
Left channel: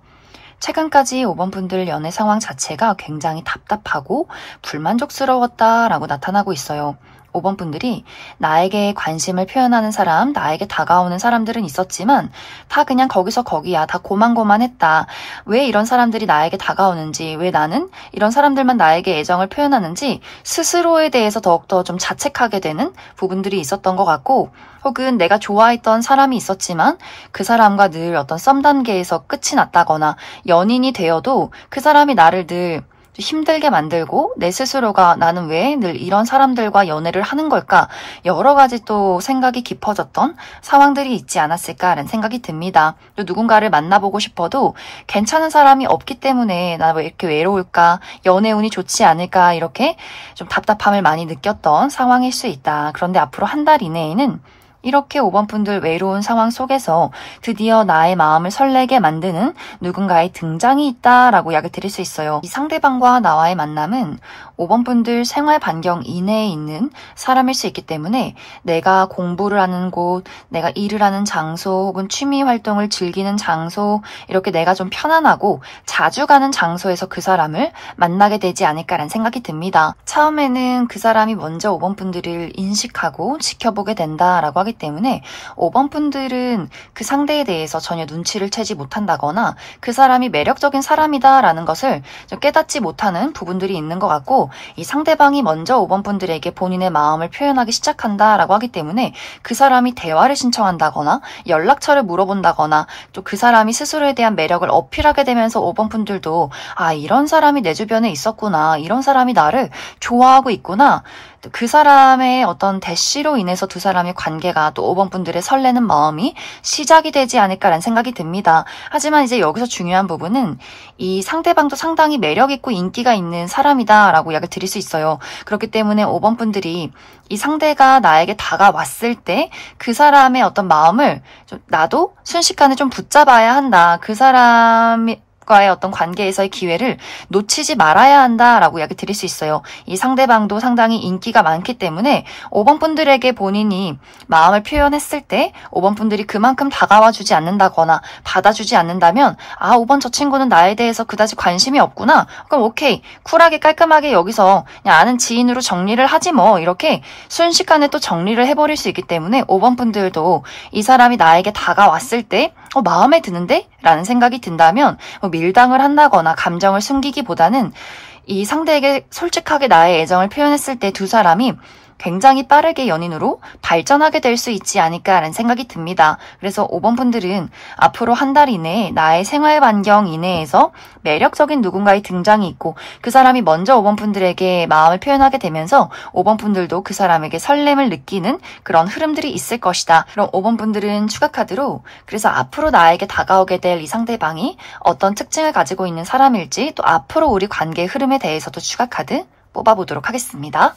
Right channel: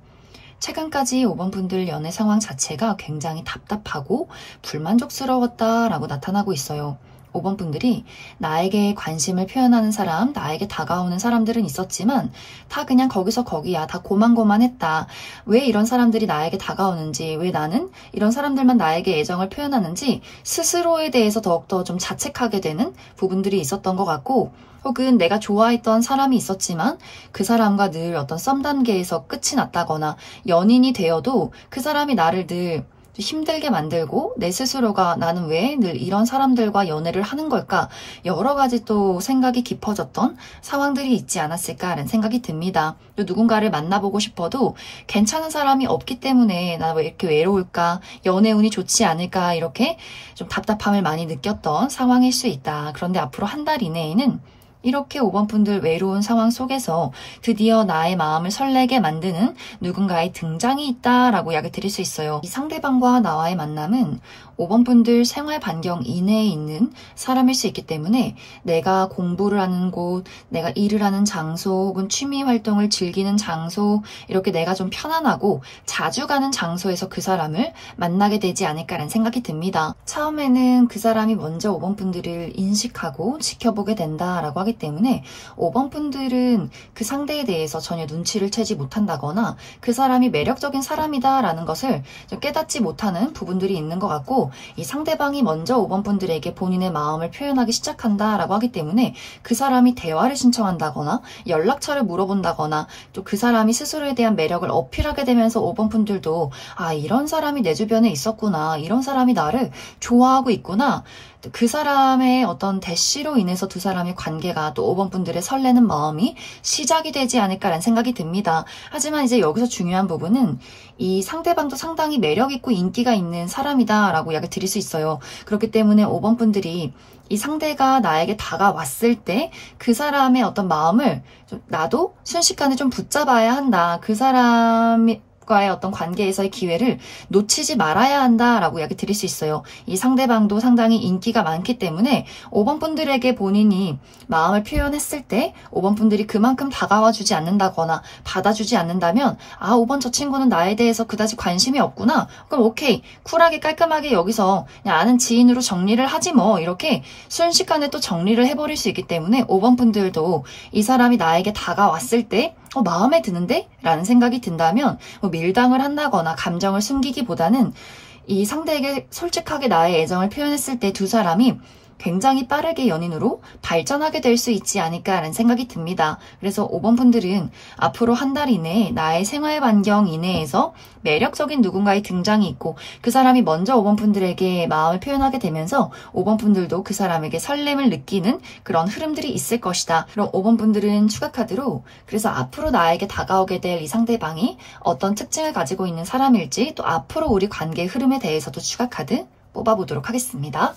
최근까지 5번 분들 연애 상황 자체가 굉장히 답답하고 불만족스러웠다라고 나타나고 있어요. 5번 분들이 나에게 관심을 표현하는 사람, 나에게 다가오는 사람들은 있었지만 다 그냥 거기서 거기야. 다 고만고만했다. 왜 이런 사람들이 나에게 다가오는지, 왜 나는 이런 사람들만 나에게 애정을 표현하는지 스스로에 대해서 더욱더 좀 자책하게 되는 부분들이 있었던 것 같고 혹은 내가 좋아했던 사람이 있었지만 그 사람과 늘 어떤 썸 단계에서 끝이 났다거나 연인이 되어도 그 사람이 나를 늘 힘들게 만들고 내 스스로가 나는 왜 늘 이런 사람들과 연애를 하는 걸까? 여러 가지 또 생각이 깊어졌던 상황들이 있지 않았을까라는 생각이 듭니다. 또 누군가를 만나보고 싶어도 괜찮은 사람이 없기 때문에 나 왜 이렇게 외로울까? 연애 운이 좋지 않을까? 이렇게 좀 답답함을 많이 느꼈던 상황일 수 있다. 그런데 앞으로 한 달 이내에는 이렇게 5번 분들 외로운 상황 속에서 드디어 나의 마음을 설레게 만드는 누군가의 등장이 있다라고 이야기 드릴 수 있어요. 이 상대방과 나와의 만남은 5번 분들 생활 반경 이내에 있는 사람일 수 있기 때문에 내가 공부를 하는 곳, 내가 일을 하는 장소 혹은 취미 활동을 즐기는 장소 이렇게 내가 좀 편안하고 자주 가는 장소에서 그 사람을 만나게 되지 않을까라는 생각이 듭니다. 처음에는 그 사람이 먼저 5번 분들을 인식하고 지켜보게 된다라고 하기 때문에 5번 분들은 그 상대에 대해서 전혀 눈치를 채지 못한다거나 그 사람이 매력적인 사람이다라는 것을 좀 깨닫지 못하는 부분들이 있는 것 같고 이 상대방이 먼저 5번 분들에게 본인의 마음을 표현하기 시작한다라고 하기 때문에 그 사람이 대화를 신청한다거나 연락처를 물어본다거나 또 그 사람이 스스로에 대한 매력을 어필하게 되면서 5번 분들도 아 이런 사람이 내 주변에 있었구나 이런 사람이 나를 좋아하고 있구나 그 사람의 어떤 대시로 인해서 두 사람의 관계가 또 5번 분들의 설레는 마음이 시작이 되지 않을까라는 생각이 듭니다. 하지만 이제 여기서 중요한 부분은 이 상대방도 상당히 매력있고 인기가 있는 사람이다라고 이야기를 드릴 수 있어요. 그렇기 때문에 5번 분들이 이 상대가 나에게 다가왔을 때 그 사람의 어떤 마음을 좀 나도 순식간에 좀 붙잡아야 한다. 그 사람이 과의 어떤 관계에서의 기회를 놓치지 말아야 한다라고 이야기 드릴 수 있어요. 이 상대방도 상당히 인기가 많기 때문에 5번 분들에게 본인이 마음을 표현했을 때 5번 분들이 그만큼 다가와 주지 않는다거나 받아주지 않는다면 아 5번 저 친구는 나에 대해서 그다지 관심이 없구나. 그럼 오케이 쿨하게 깔끔하게 여기서 그냥 아는 지인으로 정리를 하지 뭐 이렇게 순식간에 또 정리를 해버릴 수 있기 때문에 5번 분들도 이 사람이 나에게 다가왔을 때 마음에 드는데? 라는 생각이 든다면 밀당을 한다거나 감정을 숨기기보다는 이 상대에게 솔직하게 나의 애정을 표현했을 때 두 사람이 굉장히 빠르게 연인으로 발전하게 될 수 있지 않을까라는 생각이 듭니다. 그래서 5번 분들은 앞으로 한 달 이내에 나의 생활 반경 이내에서 매력적인 누군가의 등장이 있고 그 사람이 먼저 5번 분들에게 마음을 표현하게 되면서 5번 분들도 그 사람에게 설렘을 느끼는 그런 흐름들이 있을 것이다. 그럼 5번 분들은 추가 카드로 그래서 앞으로 나에게 다가오게 될 이 상대방이 어떤 특징을 가지고 있는 사람일지 또 앞으로 우리 관계의 흐름에 대해서도 추가 카드 뽑아보도록 하겠습니다.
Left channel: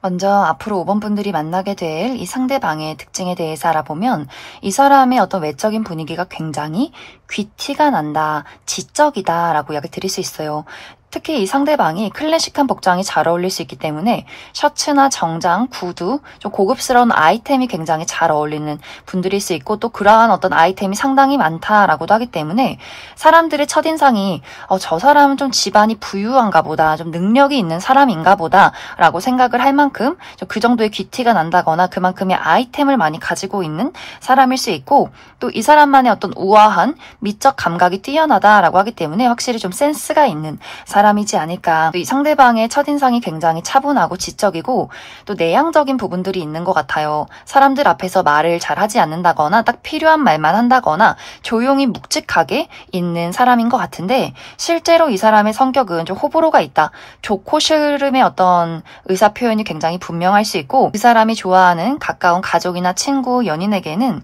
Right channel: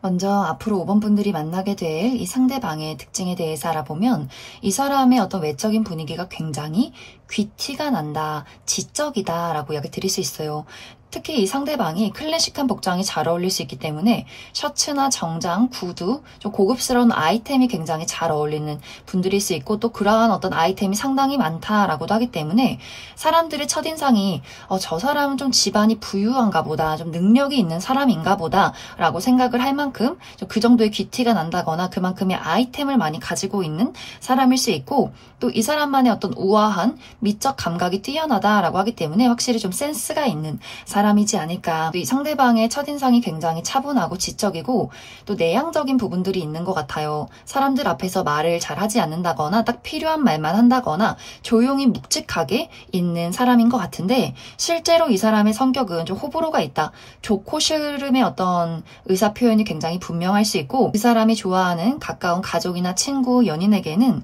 먼저 앞으로 5번 분들이 만나게 될 이 상대방의 특징에 대해서 알아보면 이 사람의 어떤 외적인 분위기가 굉장히 귀티가 난다, 지적이다 라고 이야기 드릴 수 있어요. 특히 이 상대방이 클래식한 복장이 잘 어울릴 수 있기 때문에 셔츠나 정장, 구두, 좀 고급스러운 아이템이 굉장히 잘 어울리는 분들일 수 있고 또 그러한 어떤 아이템이 상당히 많다라고도 하기 때문에 사람들의 첫인상이 저 사람은 좀 집안이 부유한가 보다, 좀 능력이 있는 사람인가 보다 라고 생각을 할 만큼 그 정도의 귀티가 난다거나 그만큼의 아이템을 많이 가지고 있는 사람일 수 있고 또 이 사람만의 어떤 우아한 미적 감각이 뛰어나다라고 하기 때문에 확실히 좀 센스가 있는 사람이지 않을까. 또 이 상대방의 첫인상이 굉장히 차분하고 지적이고 또 내향적인 부분들이 있는 것 같아요. 사람들 앞에서 말을 잘 하지 않는다거나 딱 필요한 말만 한다거나 조용히 묵직하게 있는 사람인 것 같은데 실제로 이 사람의 성격은 좀 호불호가 있다. 좋고 싫음의 어떤 의사 표현이 굉장히 분명할 수 있고 그 사람이 좋아하는 가까운 가족이나 친구, 연인에게는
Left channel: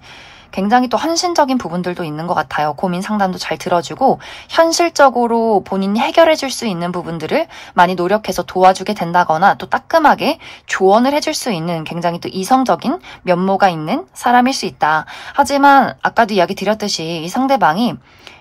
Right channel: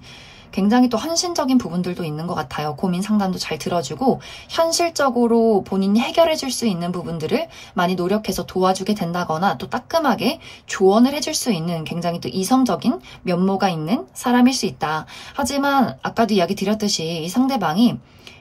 굉장히 또 헌신적인 부분들도 있는 것 같아요. 고민 상담도 잘 들어주고 현실적으로 본인이 해결해 줄 수 있는 부분들을 많이 노력해서 도와주게 된다거나 또 따끔하게 조언을 해줄 수 있는 굉장히 또 이성적인 면모가 있는 사람일 수 있다. 하지만 아까도 이야기 드렸듯이 이 상대방이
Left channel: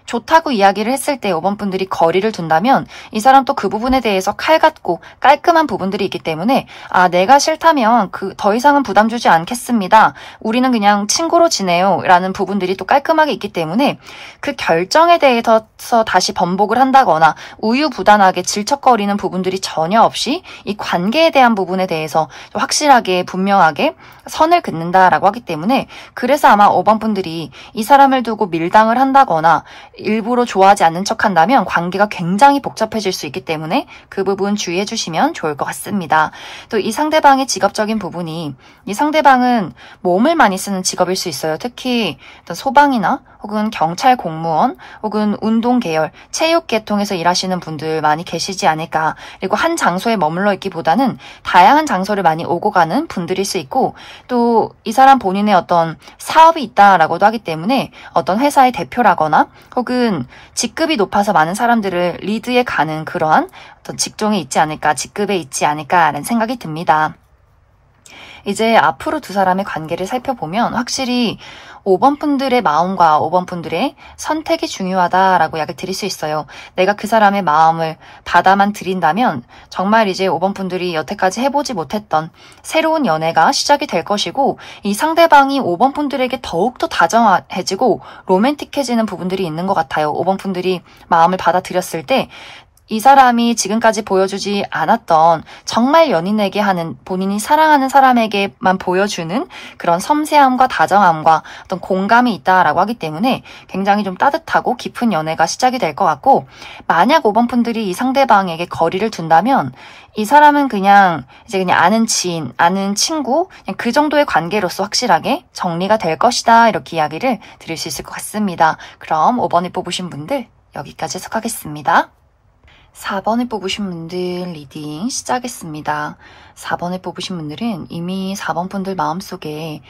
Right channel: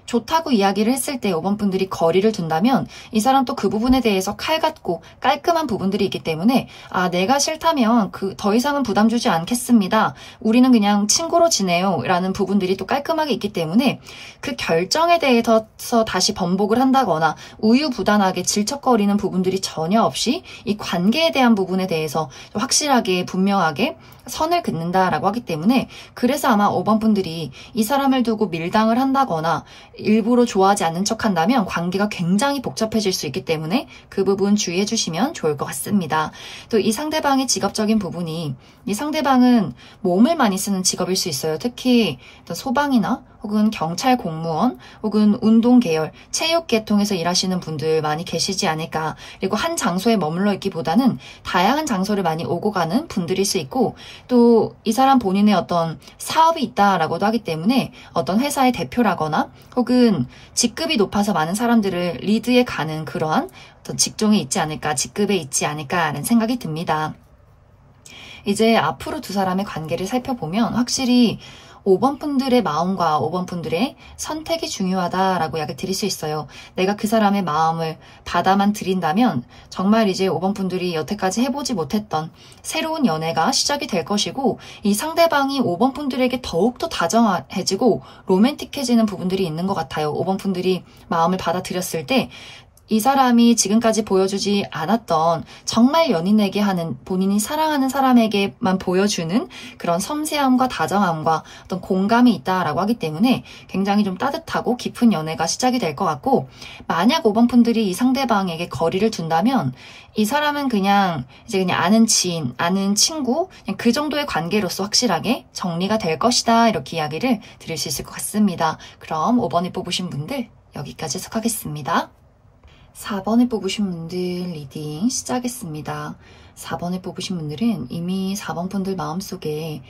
좋다고 이야기를 했을 때 5번 분들이 거리를 둔다면 이 사람 또 그 부분에 대해서 칼 같고 깔끔한 부분들이 있기 때문에 내가 싫다면 더 이상은 부담 주지 않겠습니다. 우리는 그냥 친구로 지내요 라는 부분들이 또 깔끔하게 있기 때문에 그 결정에 대해서 다시 번복을 한다거나 우유부단하게 질척거리는 부분들이 전혀 없이 이 관계에 대한 부분에 대해서 확실하게 분명하게 선을 긋는다라고 하기 때문에 그래서 아마 5번 분들이 이 사람을 두고 밀당을 한다거나 일부러 좋아하지 않는 척 한다면 관계가 굉장히 복잡해질 수 있기 때문에 그 부분 주의해 주시면 좋을 것 같습니다. 또 이 상대방의 직업적인 부분이 이 상대방은 몸을 많이 쓰는 직업일 수 있어요. 특히 소방이나 혹은 경찰 공무원 혹은 운동 계열, 체육 계통에서 일하시는 분들 많이 계시지 않을까. 그리고 한 장소에 머물러 있기보다는 다양한 장소를 많이 오고 가는 분들일 수 있고 또 이 사람 본인의 어떤 사업이 있다라고도 하기 때문에 어떤 회사의 대표라거나 혹은 직급이 높아서 많은 사람들을 리드해 가는 그러한 어떤 직종에 있지 않을까, 직급에 있지 않을까라는 생각이 듭니다. 이제 앞으로 두 사람의 관계를 살펴보면 확실히 5번 분들의 마음과 5번 분들의 선택이 중요하다라고 이야기 드릴 수 있어요. 내가 그 사람의 마음을 받아만 들인다면 정말 이제 5번 분들이 여태까지 해보지 못했던 새로운 연애가 시작이 될 것이고 이 상대방이 5번 분들에게 더욱더 다정해지고 로맨틱해지는 부분들이 있는 것 같아요. 5번 분들이 마음을 받아들였을 때 이 사람이 지금까지 보여주지 않았던 정말 연인에게 하는 본인이 사랑하는 사람에게만 보여주는 그런 섬세함과 다정함과 어떤 공감이 있다라고 하기 때문에 굉장히 좀 따뜻하고 깊은 연애가 시작이 될 것 같고 만약 5번 분들이 이 상대방에게 거리를 둔다면 이 사람은 그냥 아는 지인, 아는 친구 그냥 그 정도의 관계로서 확실하게 정리가 될 것이다 이렇게 이야기를 드릴 수 있을 것 같습니다. 그럼 5번을 뽑으신 분들 여기까지 해석하겠습니다. 4번을 뽑으신 분들 리딩 시작했습니다. 4번을 뽑으신 분들은 이미 4번 분들 마음속에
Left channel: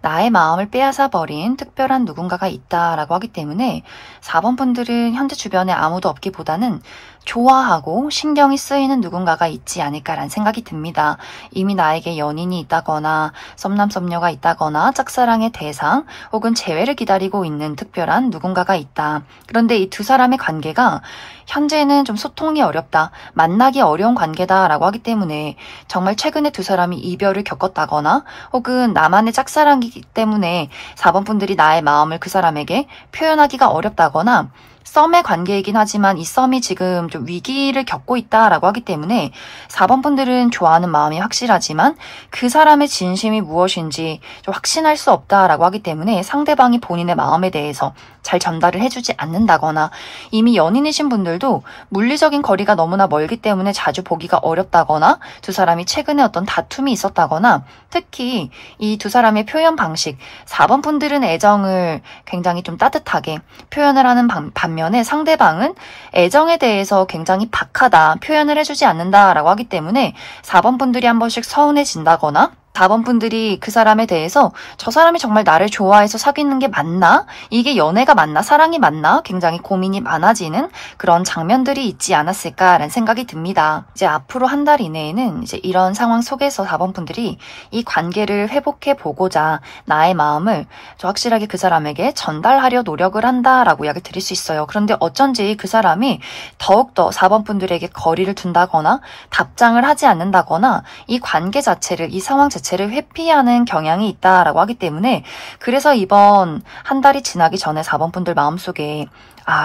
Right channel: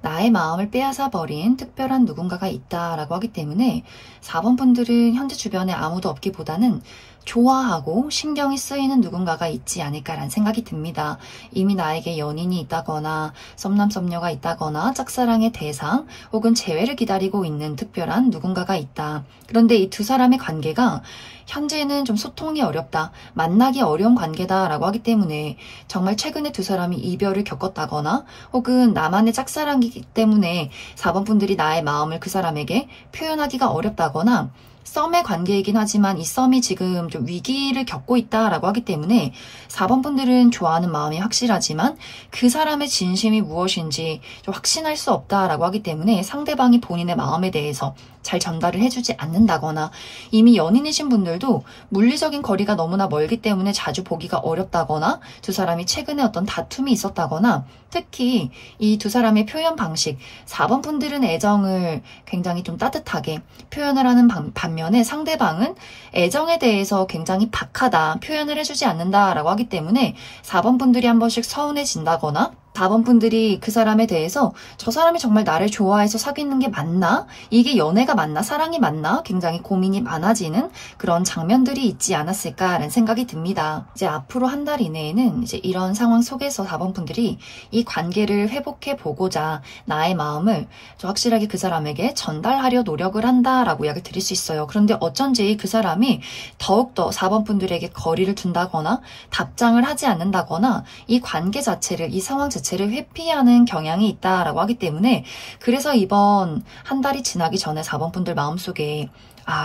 나의 마음을 빼앗아 버린 특별한 누군가가 있다라고 하기 때문에 4번 분들은 현재 주변에 아무도 없기보다는 좋아하고 신경이 쓰이는 누군가가 있지 않을까라는 생각이 듭니다. 이미 나에게 연인이 있다거나 썸남 썸녀가 있다거나 짝사랑의 대상 혹은 재회를 기다리고 있는 특별한 누군가가 있다. 그런데 이 두 사람의 관계가 현재는 좀 소통이 어렵다, 만나기 어려운 관계다라고 하기 때문에 정말 최근에 두 사람이 이별을 겪었다거나 혹은 나만의 짝사랑이기 때문에 4번 분들이 나의 마음을 그 사람에게 표현하기가 어렵다거나 썸의 관계이긴 하지만 이 썸이 지금 좀 위기를 겪고 있다라고 하기 때문에 4번 분들은 좋아하는 마음이 확실하지만 그 사람의 진심이 무엇인지 좀 확신할 수 없다라고 하기 때문에 상대방이 본인의 마음에 대해서 잘 전달을 해주지 않는다거나 이미 연인이신 분들도 물리적인 거리가 너무나 멀기 때문에 자주 보기가 어렵다거나 두 사람이 최근에 어떤 다툼이 있었다거나 특히 이 두 사람의 표현 방식 4번 분들은 애정을 굉장히 좀 따뜻하게 표현을 하는 반면에 상대방은 애정에 대해서 굉장히 박하다 표현을 해주지 않는다라고 하기 때문에 4번 분들이 한 번씩 서운해진다거나 4번 분들이 그 사람에 대해서 저 사람이 정말 나를 좋아해서 사귀는 게 맞나? 이게 연애가 맞나? 사랑이 맞나? 굉장히 고민이 많아지는 그런 장면들이 있지 않았을까라는 생각이 듭니다. 이제 앞으로 한 달 이내에는 이제 이런 상황 속에서 4번 분들이 이 관계를 회복해 보고자 나의 마음을 좀 확실하게 그 사람에게 전달하려 노력을 한다라고 이야기를 드릴 수 있어요. 그런데 어쩐지 그 사람이 더욱더 4번 분들에게 거리를 둔다거나 답장을 하지 않는다거나 이 관계 자체를, 이 상황 자체를 회피하는 경향이 있다라고 하기 때문에 그래서 이번 한 달이 지나기 전에 4번 분들 마음속에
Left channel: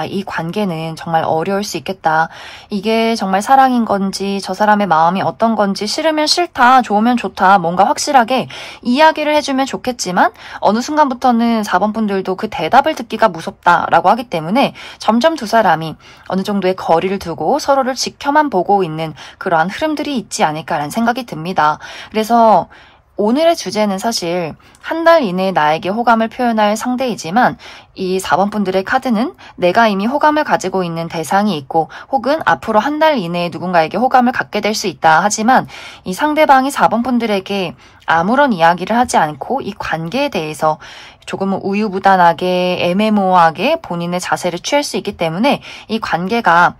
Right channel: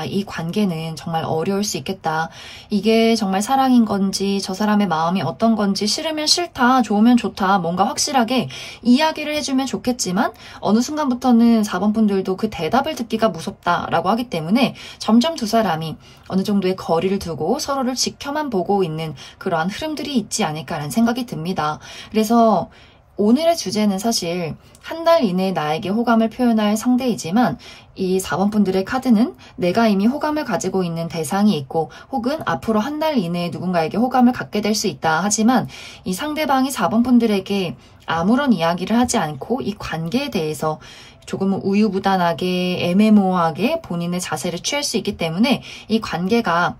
이 관계는 정말 어려울 수 있겠다. 이게 정말 사랑인 건지 저 사람의 마음이 어떤 건지 싫으면 싫다, 좋으면 좋다 뭔가 확실하게 이야기를 해주면 좋겠지만 어느 순간부터는 4번 분들도 그 대답을 듣기가 무섭다라고 하기 때문에 점점 두 사람이 어느 정도의 거리를 두고 서로를 지켜만 보고 있는 그러한 흐름들이 있지 않을까라는 생각이 듭니다. 그래서 오늘의 주제는 사실 한 달 이내에 나에게 호감을 표현할 상대이지만 이 4번 분들의 카드는 내가 이미 호감을 가지고 있는 대상이 있고 혹은 앞으로 한 달 이내에 누군가에게 호감을 갖게 될 수 있다. 하지만 이 상대방이 4번 분들에게 아무런 이야기를 하지 않고 이 관계에 대해서 조금은 우유부단하게 애매모호하게 본인의 자세를 취할 수 있기 때문에 이 관계가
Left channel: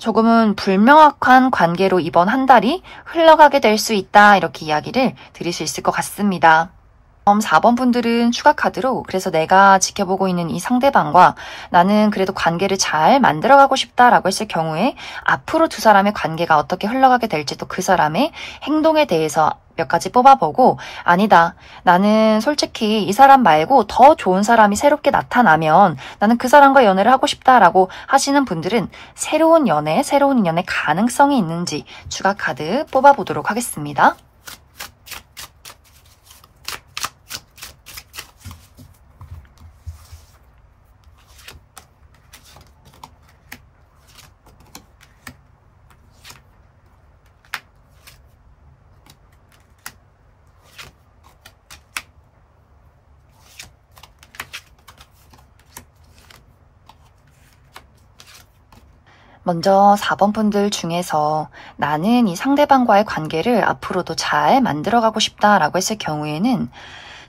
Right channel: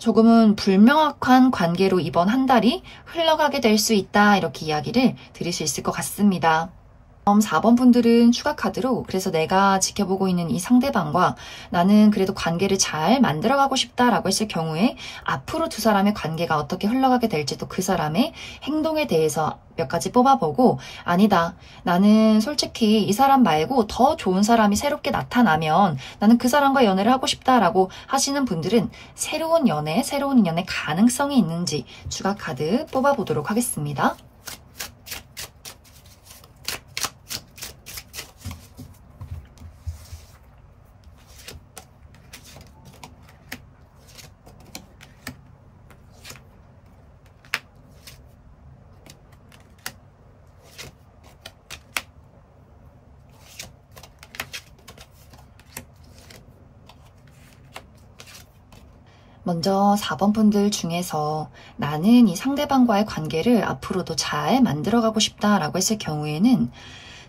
조금은 불명확한 관계로 이번 한 달이 흘러가게 될 수 있다. 이렇게 이야기를 드릴 수 있을 것 같습니다. 4번 분들은 추가 카드로 그래서 내가 지켜보고 있는 이 상대방과 나는 그래도 관계를 잘 만들어가고 싶다라고 했을 경우에 앞으로 두 사람의 관계가 어떻게 흘러가게 될지도 그 사람의 행동에 대해서 몇 가지 뽑아보고 아니다. 나는 솔직히 이 사람 말고 더 좋은 사람이 새롭게 나타나면 나는 그 사람과 연애를 하고 싶다라고 하시는 분들은 새로운 연애, 새로운 인연의 가능성이 있는지 추가 카드 뽑아보도록 하겠습니다. 먼저 4번 분들 중에서 나는 이 상대방과의 관계를 앞으로도 잘 만들어가고 싶다라고 했을 경우에는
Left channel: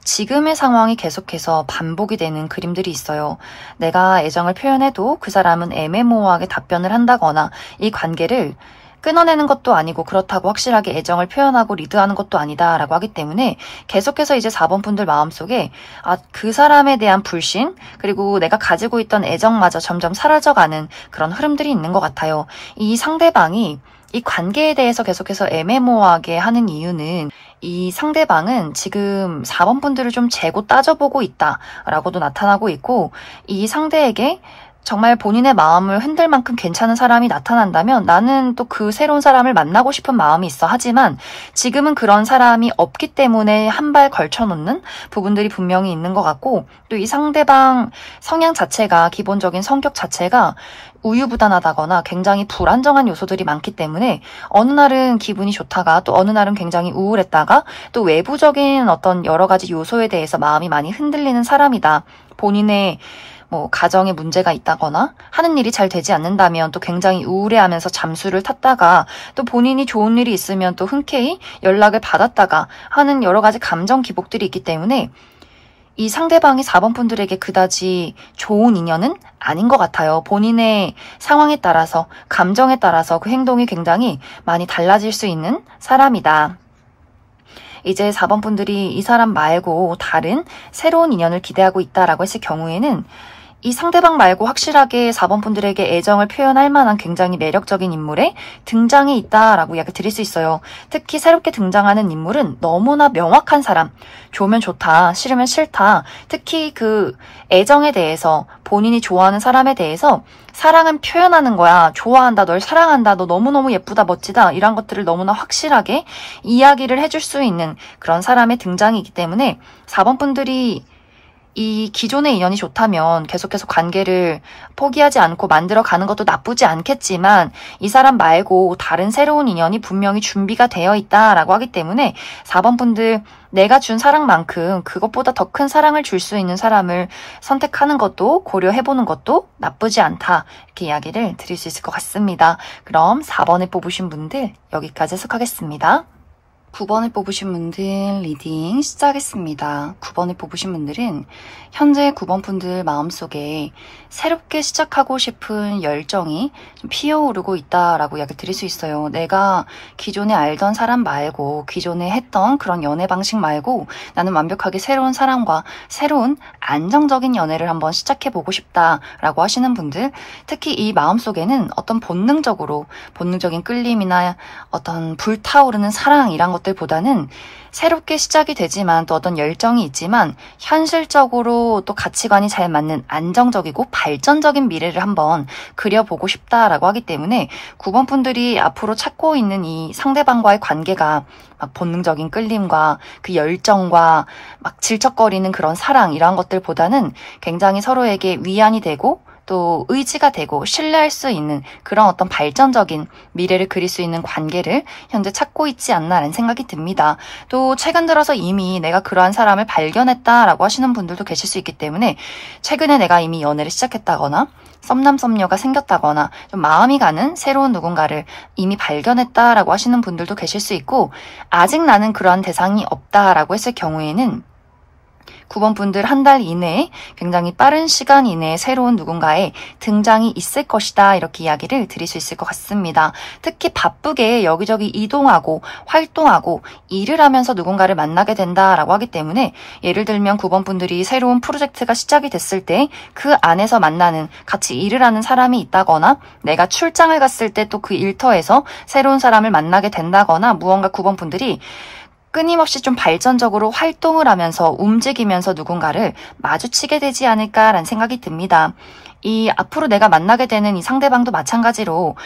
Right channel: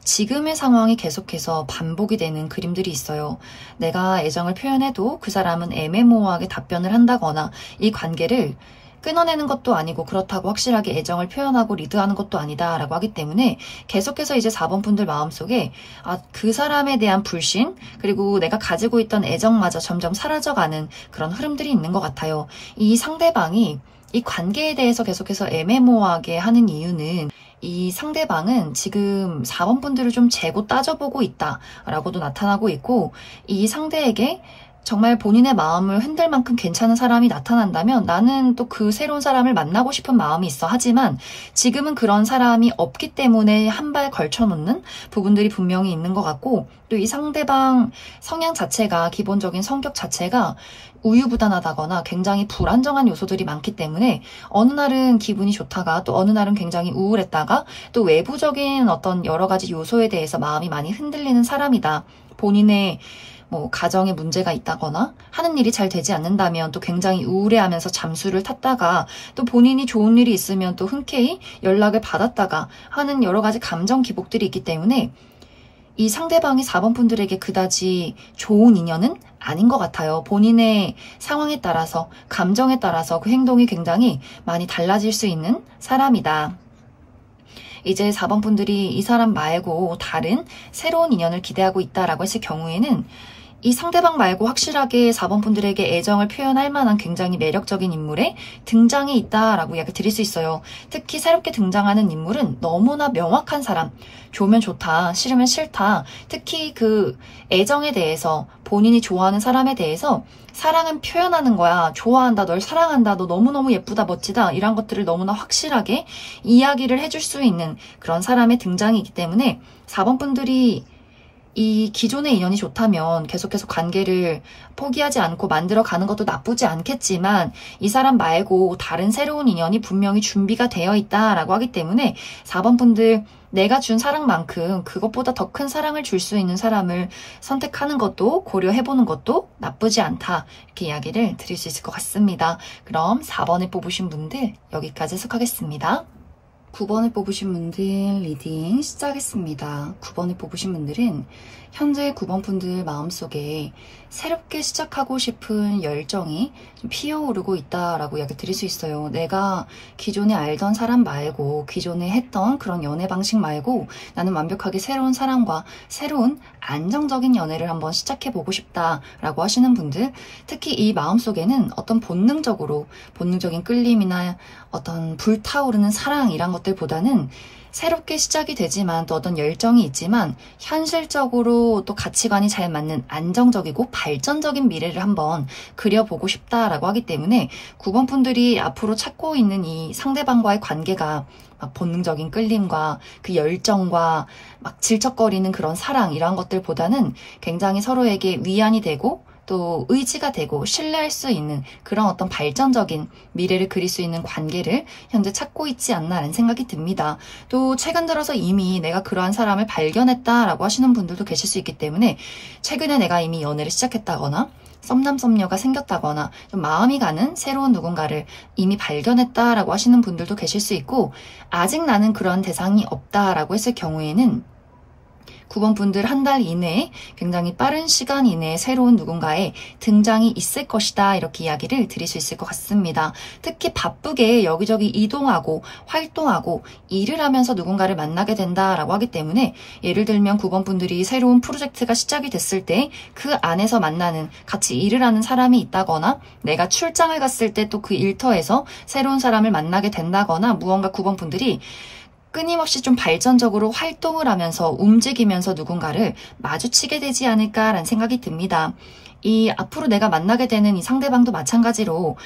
지금의 상황이 계속해서 반복이 되는 그림들이 있어요. 내가 애정을 표현해도 그 사람은 애매모호하게 답변을 한다거나 이 관계를 끊어내는 것도 아니고 그렇다고 확실하게 애정을 표현하고 리드하는 것도 아니다라고 하기 때문에 계속해서 이제 4번 분들 마음속에 그 사람에 대한 불신 그리고 내가 가지고 있던 애정마저 점점 사라져가는 그런 흐름들이 있는 것 같아요. 이 상대방이 이 관계에 대해서 계속해서 애매모호하게 하는 이유는 이 상대방은 지금 4번 분들을 좀 재고 따져보고 있다라고도 나타나고 있고 이 상대에게 정말 본인의 마음을 흔들 만큼 괜찮은 사람이 나타난다면 나는 또 그 새로운 사람을 만나고 싶은 마음이 있어. 하지만 지금은 그런 사람이 없기 때문에 한 발 걸쳐놓는 부분들이 분명히 있는 것 같고 또 이 상대방 성향 자체가 기본적인 성격 자체가 우유부단하다거나 굉장히 불안정한 요소들이 많기 때문에 어느 날은 기분이 좋다가 또 어느 날은 굉장히 우울했다가 또 외부적인 어떤 여러 가지 요소에 대해서 마음이 많이 흔들리는 사람이다. 본인의 가정에 문제가 있다거나 하는 일이 잘 되지 않는다면 또 굉장히 우울해하면서 잠수를 탔다가 또 본인이 좋은 일이 있으면 또 흔쾌히 연락을 받았다가 하는 여러 가지 감정 기복들이 있기 때문에 이 상대방이 4번 분들에게 그다지 좋은 인연은 아닌 것 같아요. 본인의 상황에 따라서 감정에 따라서 그 행동이 굉장히 많이 달라질 수 있는 사람이다. 이제 4번 분들이 이 사람 말고 다른 새로운 인연을 기대하고 있다라고 했을 경우에는 이 상대방 말고 확실하게 4번 분들에게 애정을 표현할 만한 굉장히 매력적인 인물의 등장이 있다라고 이야기 드릴 수 있어요. 특히 새롭게 등장하는 인물은 너무나 명확한 사람, 좋으면 좋다, 싫으면 싫다, 특히 그 애정에 대해서 본인이 좋아하는 사람에 대해서 사랑은 표현하는 거야. 좋아한다, 널 사랑한다, 너 너무너무 예쁘다, 멋지다 이런 것들을 너무나 확실하게 이야기를 해줄 수 있는 그런 사람의 등장이기 때문에 4번 분들이 이 기존의 인연이 좋다면 계속해서 관계를 포기하지 않고 만들어가는 것도 나쁘지 않겠지만 이 사람 말고 다른 새로운 인연이 분명히 준비가 되어 있다라고 하기 때문에 4번 분들 내가 준 사랑만큼 그것보다 더 큰 사랑을 줄 수 있는 사람을 선택하는 것도 고려해보는 것도 나쁘지 않다. 이렇게 이야기를 드릴 수 있을 것 같습니다. 그럼 4번을 뽑으신 분들 여기까지 해석하겠습니다. 9번을 뽑으신 분들 리딩 시작하겠습니다. 9번을 뽑으신 분들은 현재 9번 분들 마음속에 새롭게 시작하고 싶은 열정이 좀 피어오르고 있다라고 이야기 드릴 수 있어요. 내가 기존에 알던 사람 말고 기존에 했던 그런 연애 방식 말고 나는 완벽하게 새로운 사람과 새로운 안정적인 연애를 한번 시작해보고 싶다라고 하시는 분들, 특히 이 마음속에는 어떤 본능적인 끌림이나 어떤 불타오르는 사랑 이란 것들보다는 새롭게 시작이 되지만 또 어떤 열정이 있지만 현실적으로 또 가치관이 잘 맞는 안정적이고 발전적인 미래를 한번 그려보고 싶다라고 하기 때문에 9번 분들이 앞으로 찾고 있는 이 상대방과의 관계가 막 본능적인 끌림과 그 열정과 막 질척거리는 그런 사랑 이런 것들보다는 굉장히 서로에게 위안이 되고 또 의지가 되고 신뢰할 수 있는 그런 어떤 발전적인 미래를 그릴 수 있는 관계를 현재 찾고 있지 않나라는 생각이 듭니다. 또 최근 들어서 이미 내가 그러한 사람을 발견했다라고 하시는 분들도 계실 수 있기 때문에 최근에 내가 이미 연애를 시작했다거나 썸남 썸녀가 생겼다거나 좀 마음이 가는 새로운 누군가를 이미 발견했다라고 하시는 분들도 계실 수 있고 아직 나는 그러한 대상이 없다라고 했을 경우에는 9번 분들 한 달 이내에 굉장히 빠른 시간 이내에 새로운 누군가의 등장이 있을 것이다 이렇게 이야기를 드릴 수 있을 것 같습니다. 특히 바쁘게 여기저기 이동하고 활동하고 일을 하면서 누군가를 만나게 된다라고 하기 때문에 예를 들면 9번 분들이 새로운 프로젝트가 시작이 됐을 때 그 안에서 만나는 같이 일을 하는 사람이 있다거나 내가 출장을 갔을 때 또 그 일터에서 새로운 사람을 만나게 된다거나 무언가 9번 분들이 끊임없이 좀 발전적으로 활동을 하면서 움직이면서 누군가를 마주치게 되지 않을까라는 생각이 듭니다. 이 앞으로 내가 만나게 되는 이 상대방도 마찬가지로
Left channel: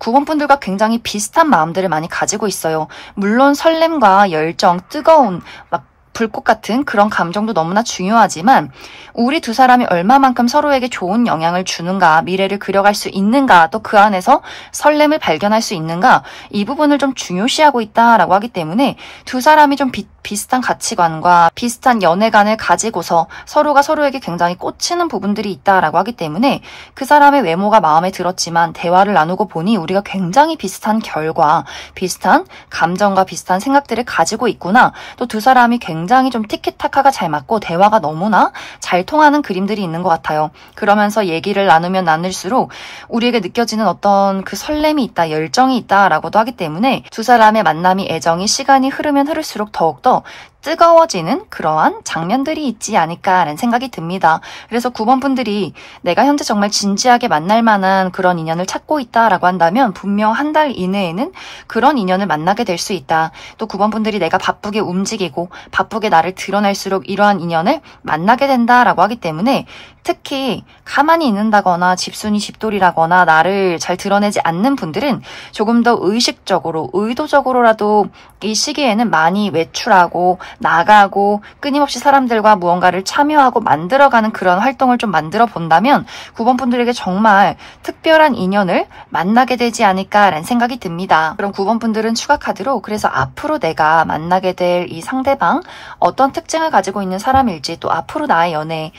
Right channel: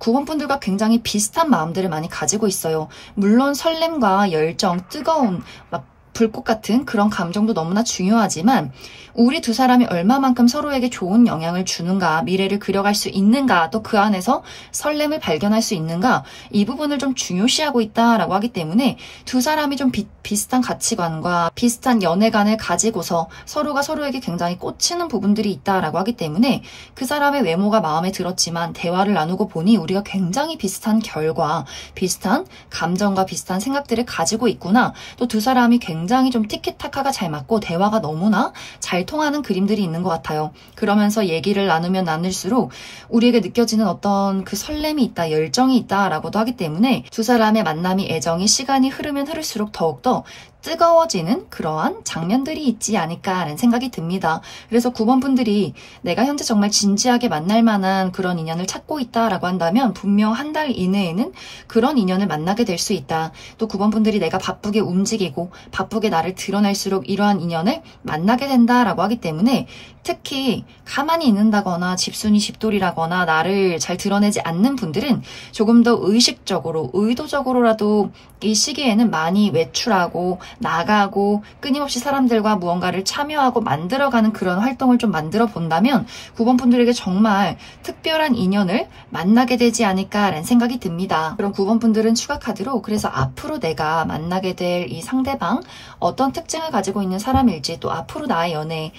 9번 분들과 굉장히 비슷한 마음들을 많이 가지고 있어요. 물론 설렘과 열정, 뜨거운 막 불꽃 같은 그런 감정도 너무나 중요하지만 우리 두 사람이 얼마만큼 서로에게 좋은 영향을 주는가, 미래를 그려갈 수 있는가, 또 그 안에서 설렘을 발견할 수 있는가, 이 부분을 좀 중요시하고 있다라고 하기 때문에 두 사람이 좀 비슷한 가치관과 비슷한 연애관을 가지고서 서로가 서로에게 굉장히 꽂히는 부분들이 있다라고 하기 때문에 그 사람의 외모가 마음에 들었지만 대화를 나누고 보니 우리가 굉장히 비슷한 결과, 비슷한 감정과 비슷한 생각들을 가지고 있구나. 또 두 사람이 굉장히 좀 티키타카가 잘 맞고 대화가 너무나 잘 통하는 그림들이 있는 것 같아요. 그러면서 얘기를 나누면 나눌수록 우리에게 느껴지는 어떤 그 설렘이 있다, 열정이 있다라고도 하기 때문에 두 사람의 만남이 애정이 시간이 흐르면 흐를수록 더욱더 뜨거워지는 그러한 장면들이 있지 않을까라는 생각이 듭니다. 그래서 9번 분들이 내가 현재 정말 진지하게 만날 만한 그런 인연을 찾고 있다라고 한다면 분명 한 달 이내에는 그런 인연을 만나게 될 수 있다. 또 9번 분들이 내가 바쁘게 움직이고 바쁘게 나를 드러낼수록 이러한 인연을 만나게 된다라고 하기 때문에 특히 가만히 있는다거나 집순이 집돌이라거나 나를 잘 드러내지 않는 분들은 조금 더 의식적으로 의도적으로라도 이 시기에는 많이 외출하고 나가고 끊임없이 사람들과 무언가를 참여하고 만들어가는 그런 활동을 좀 만들어 본다면 9번 분들에게 정말 특별한 인연을 만나게 되지 않을까라는 생각이 듭니다. 그럼 9번 분들은 추가 카드로 그래서 앞으로 내가 만나게 될 이 상대방 어떤 특징을 가지고 있는 사람일지 또 앞으로 나의 연애에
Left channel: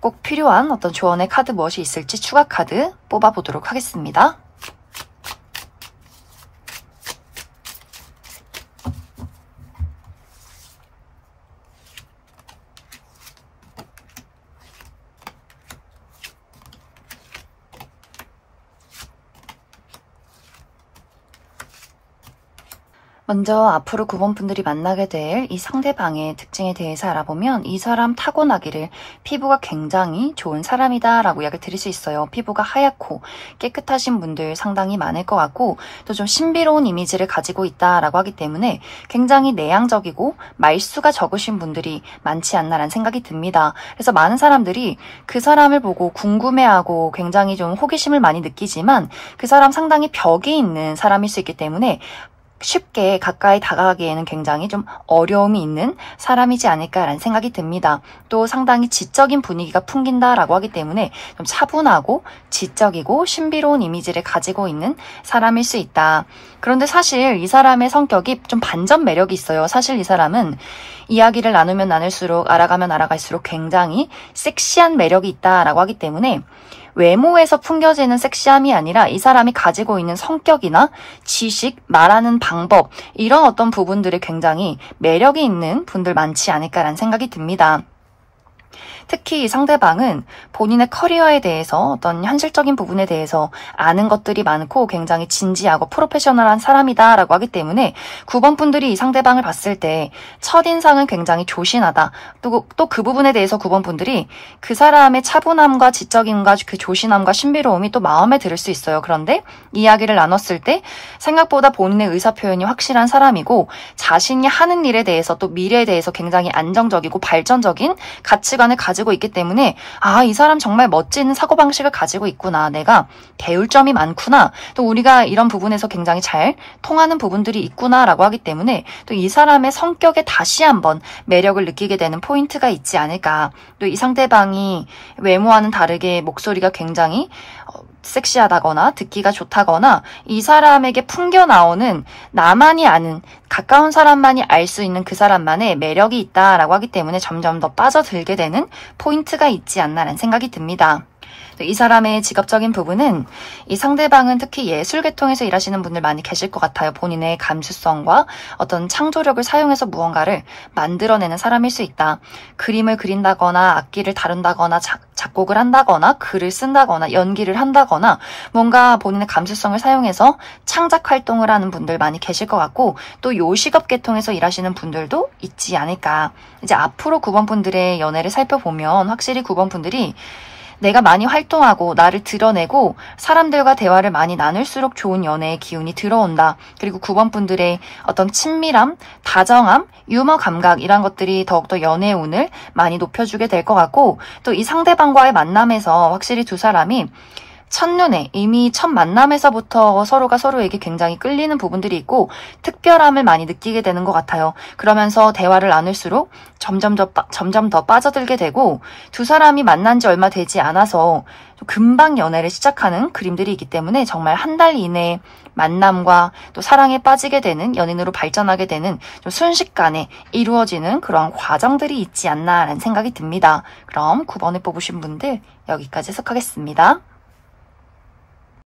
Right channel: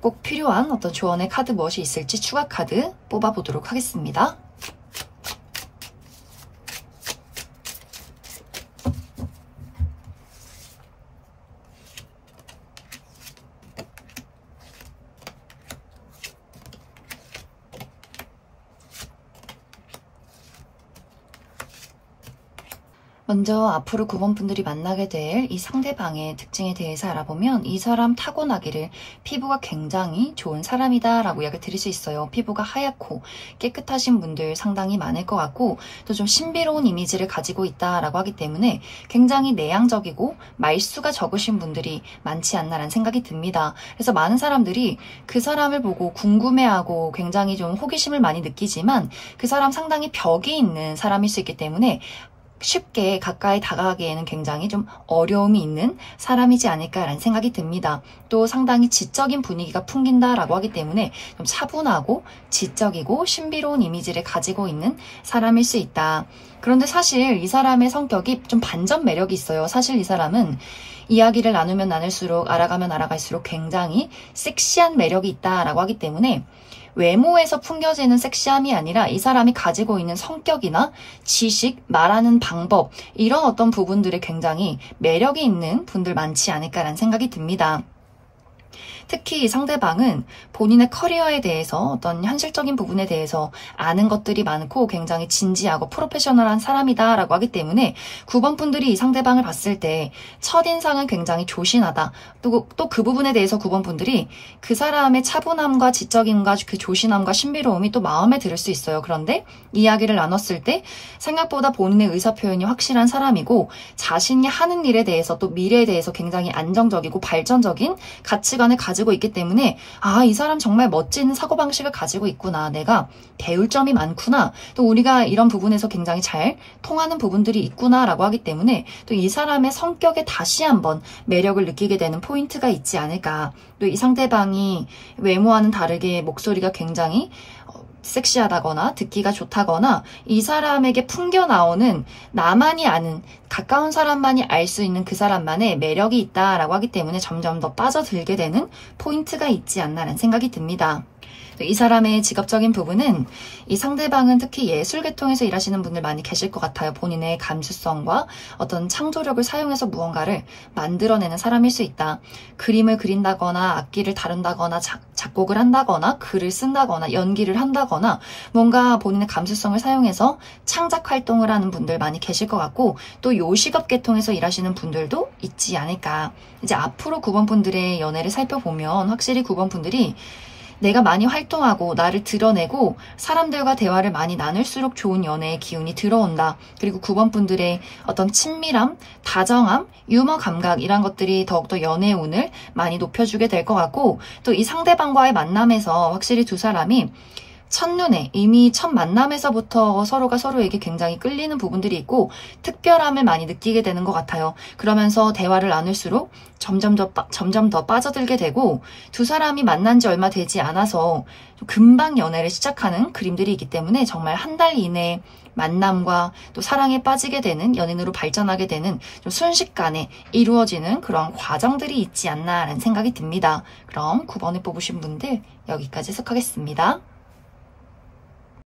꼭 필요한 어떤 조언의 카드 무엇이 있을지 추가 카드 뽑아보도록 하겠습니다. 먼저 앞으로 9번 분들이 만나게 될 이 상대방의 특징에 대해서 알아보면 이 사람 타고나기를 피부가 굉장히 좋은 사람이다 라고 이야기를 드릴 수 있어요. 피부가 하얗고 깨끗하신 분들 상당히 많을 것 같고 또 좀 신비로운 이미지를 가지고 있다라고 하기 때문에 굉장히 내향적이고 말수가 적으신 분들이 많지 않나라는 생각이 듭니다. 그래서 많은 사람들이 그 사람을 보고 궁금해하고 굉장히 좀 호기심을 많이 느끼지만 그 사람 상당히 벽이 있는 사람일 수 있기 때문에 쉽게 가까이 다가가기에는 굉장히 좀 어려움이 있는 사람이지 않을까라는 생각이 듭니다. 또 상당히 지적인 분위기가 풍긴다라고 하기 때문에 좀 차분하고 지적이고 신비로운 이미지를 가지고 있는 사람일 수 있다. 그런데 사실 이 사람의 성격이 좀 반전 매력이 있어요. 사실 이 사람은 이야기를 나누면 나눌수록 알아가면 알아갈수록 굉장히 섹시한 매력이 있다라고 하기 때문에 외모에서 풍겨지는 섹시함이 아니라 이 사람이 가지고 있는 성격이나 지식, 말하는 방법 이런 어떤 부분들이 굉장히 매력이 있는 분들 많지 않을까라는 생각이 듭니다. 특히 이 상대방은 본인의 커리어에 대해서 어떤 현실적인 부분에 대해서 아는 것들이 많고 굉장히 진지하고 프로페셔널한 사람이다라고 하기 때문에 9번 분들이 이 상대방을 봤을 때 첫인상은 굉장히 조신하다. 또 그 부분에 대해서 9번 분들이 그 사람의 차분함과 지적임과 그 조신함과 신비로움이 또 마음에 들 수 있어요. 그런데 이야기를 나눴을 때 생각보다 본인의 의사표현이 확실한 사람이고 자신이 하는 일에 대해서 또 미래에 대해서 굉장히 안정적이고 발전적인 가치관을 가지고 있기 때문에 아, 이 사람 정말 멋진 사고방식을 가지고 있구나. 내가 배울 점이 많구나. 또 우리가 이런 부분에서 굉장히 잘 통하는 부분들이 있구나 라고 하기 때문에 또 이 사람의 성격에 다시 한번 매력을 느끼게 되는 포인트가 있지 않을까. 또 이 상대방이 외모와는 다르게 목소리가 굉장히 섹시하다거나 듣기가 좋다거나 이 사람에게 풍겨나오는 나만이 아는 가까운 사람만이 알 수 있는 그 사람만의 매력이 있다라고 하기 때문에 점점 더 빠져들게 되는 포인트가 있지 않나라는 생각이 듭니다. 이 사람의 직업적인 부분은 이 상대방은 특히 예술 계통에서 일하시는 분들 많이 계실 것 같아요. 본인의 감수성과 어떤 창조력을 사용해서 무언가를 만들어내는 사람일 수 있다. 그림을 그린다거나 악기를 다룬다거나 작곡을 한다거나 글을 쓴다거나 연기를 한다거나 뭔가 본인의 감수성을 사용해서 창작 활동을 하는 분들 많이 계실 것 같고 또 요식업 계통에서 일하시는 분들도 있지 않을까. 이제 앞으로 9번 분들의 연애를 살펴보면 확실히 9번 분들이 내가 많이 활동하고 나를 드러내고 사람들과 대화를 많이 나눌수록 좋은 연애의 기운이 들어온다. 그리고 9번 분들의 어떤 친밀함, 다정함, 유머 감각 이런 것들이 더욱더 연애의 운을 많이 높여주게 될 것 같고 또 이 상대방과의 만남에서 확실히 두 사람이 첫눈에 이미 첫 만남에서부터 서로가 서로에게 굉장히 끌리는 부분들이 있고 특별함을 많이 느끼게 되는 것 같아요. 그러면서 대화를 나눌수록 점점 더 빠져들게 되고 두 사람이 만난 지 얼마 되지 않아서 금방 연애를 시작하는 그림들이 있기 때문에 정말 한 달 이내에 만남과 또 사랑에 빠지게 되는 연인으로 발전하게 되는 좀 순식간에 이루어지는 그런 과정들이 있지 않나라는 생각이 듭니다. 그럼 9번을 뽑으신 분들 여기까지 해석하겠습니다.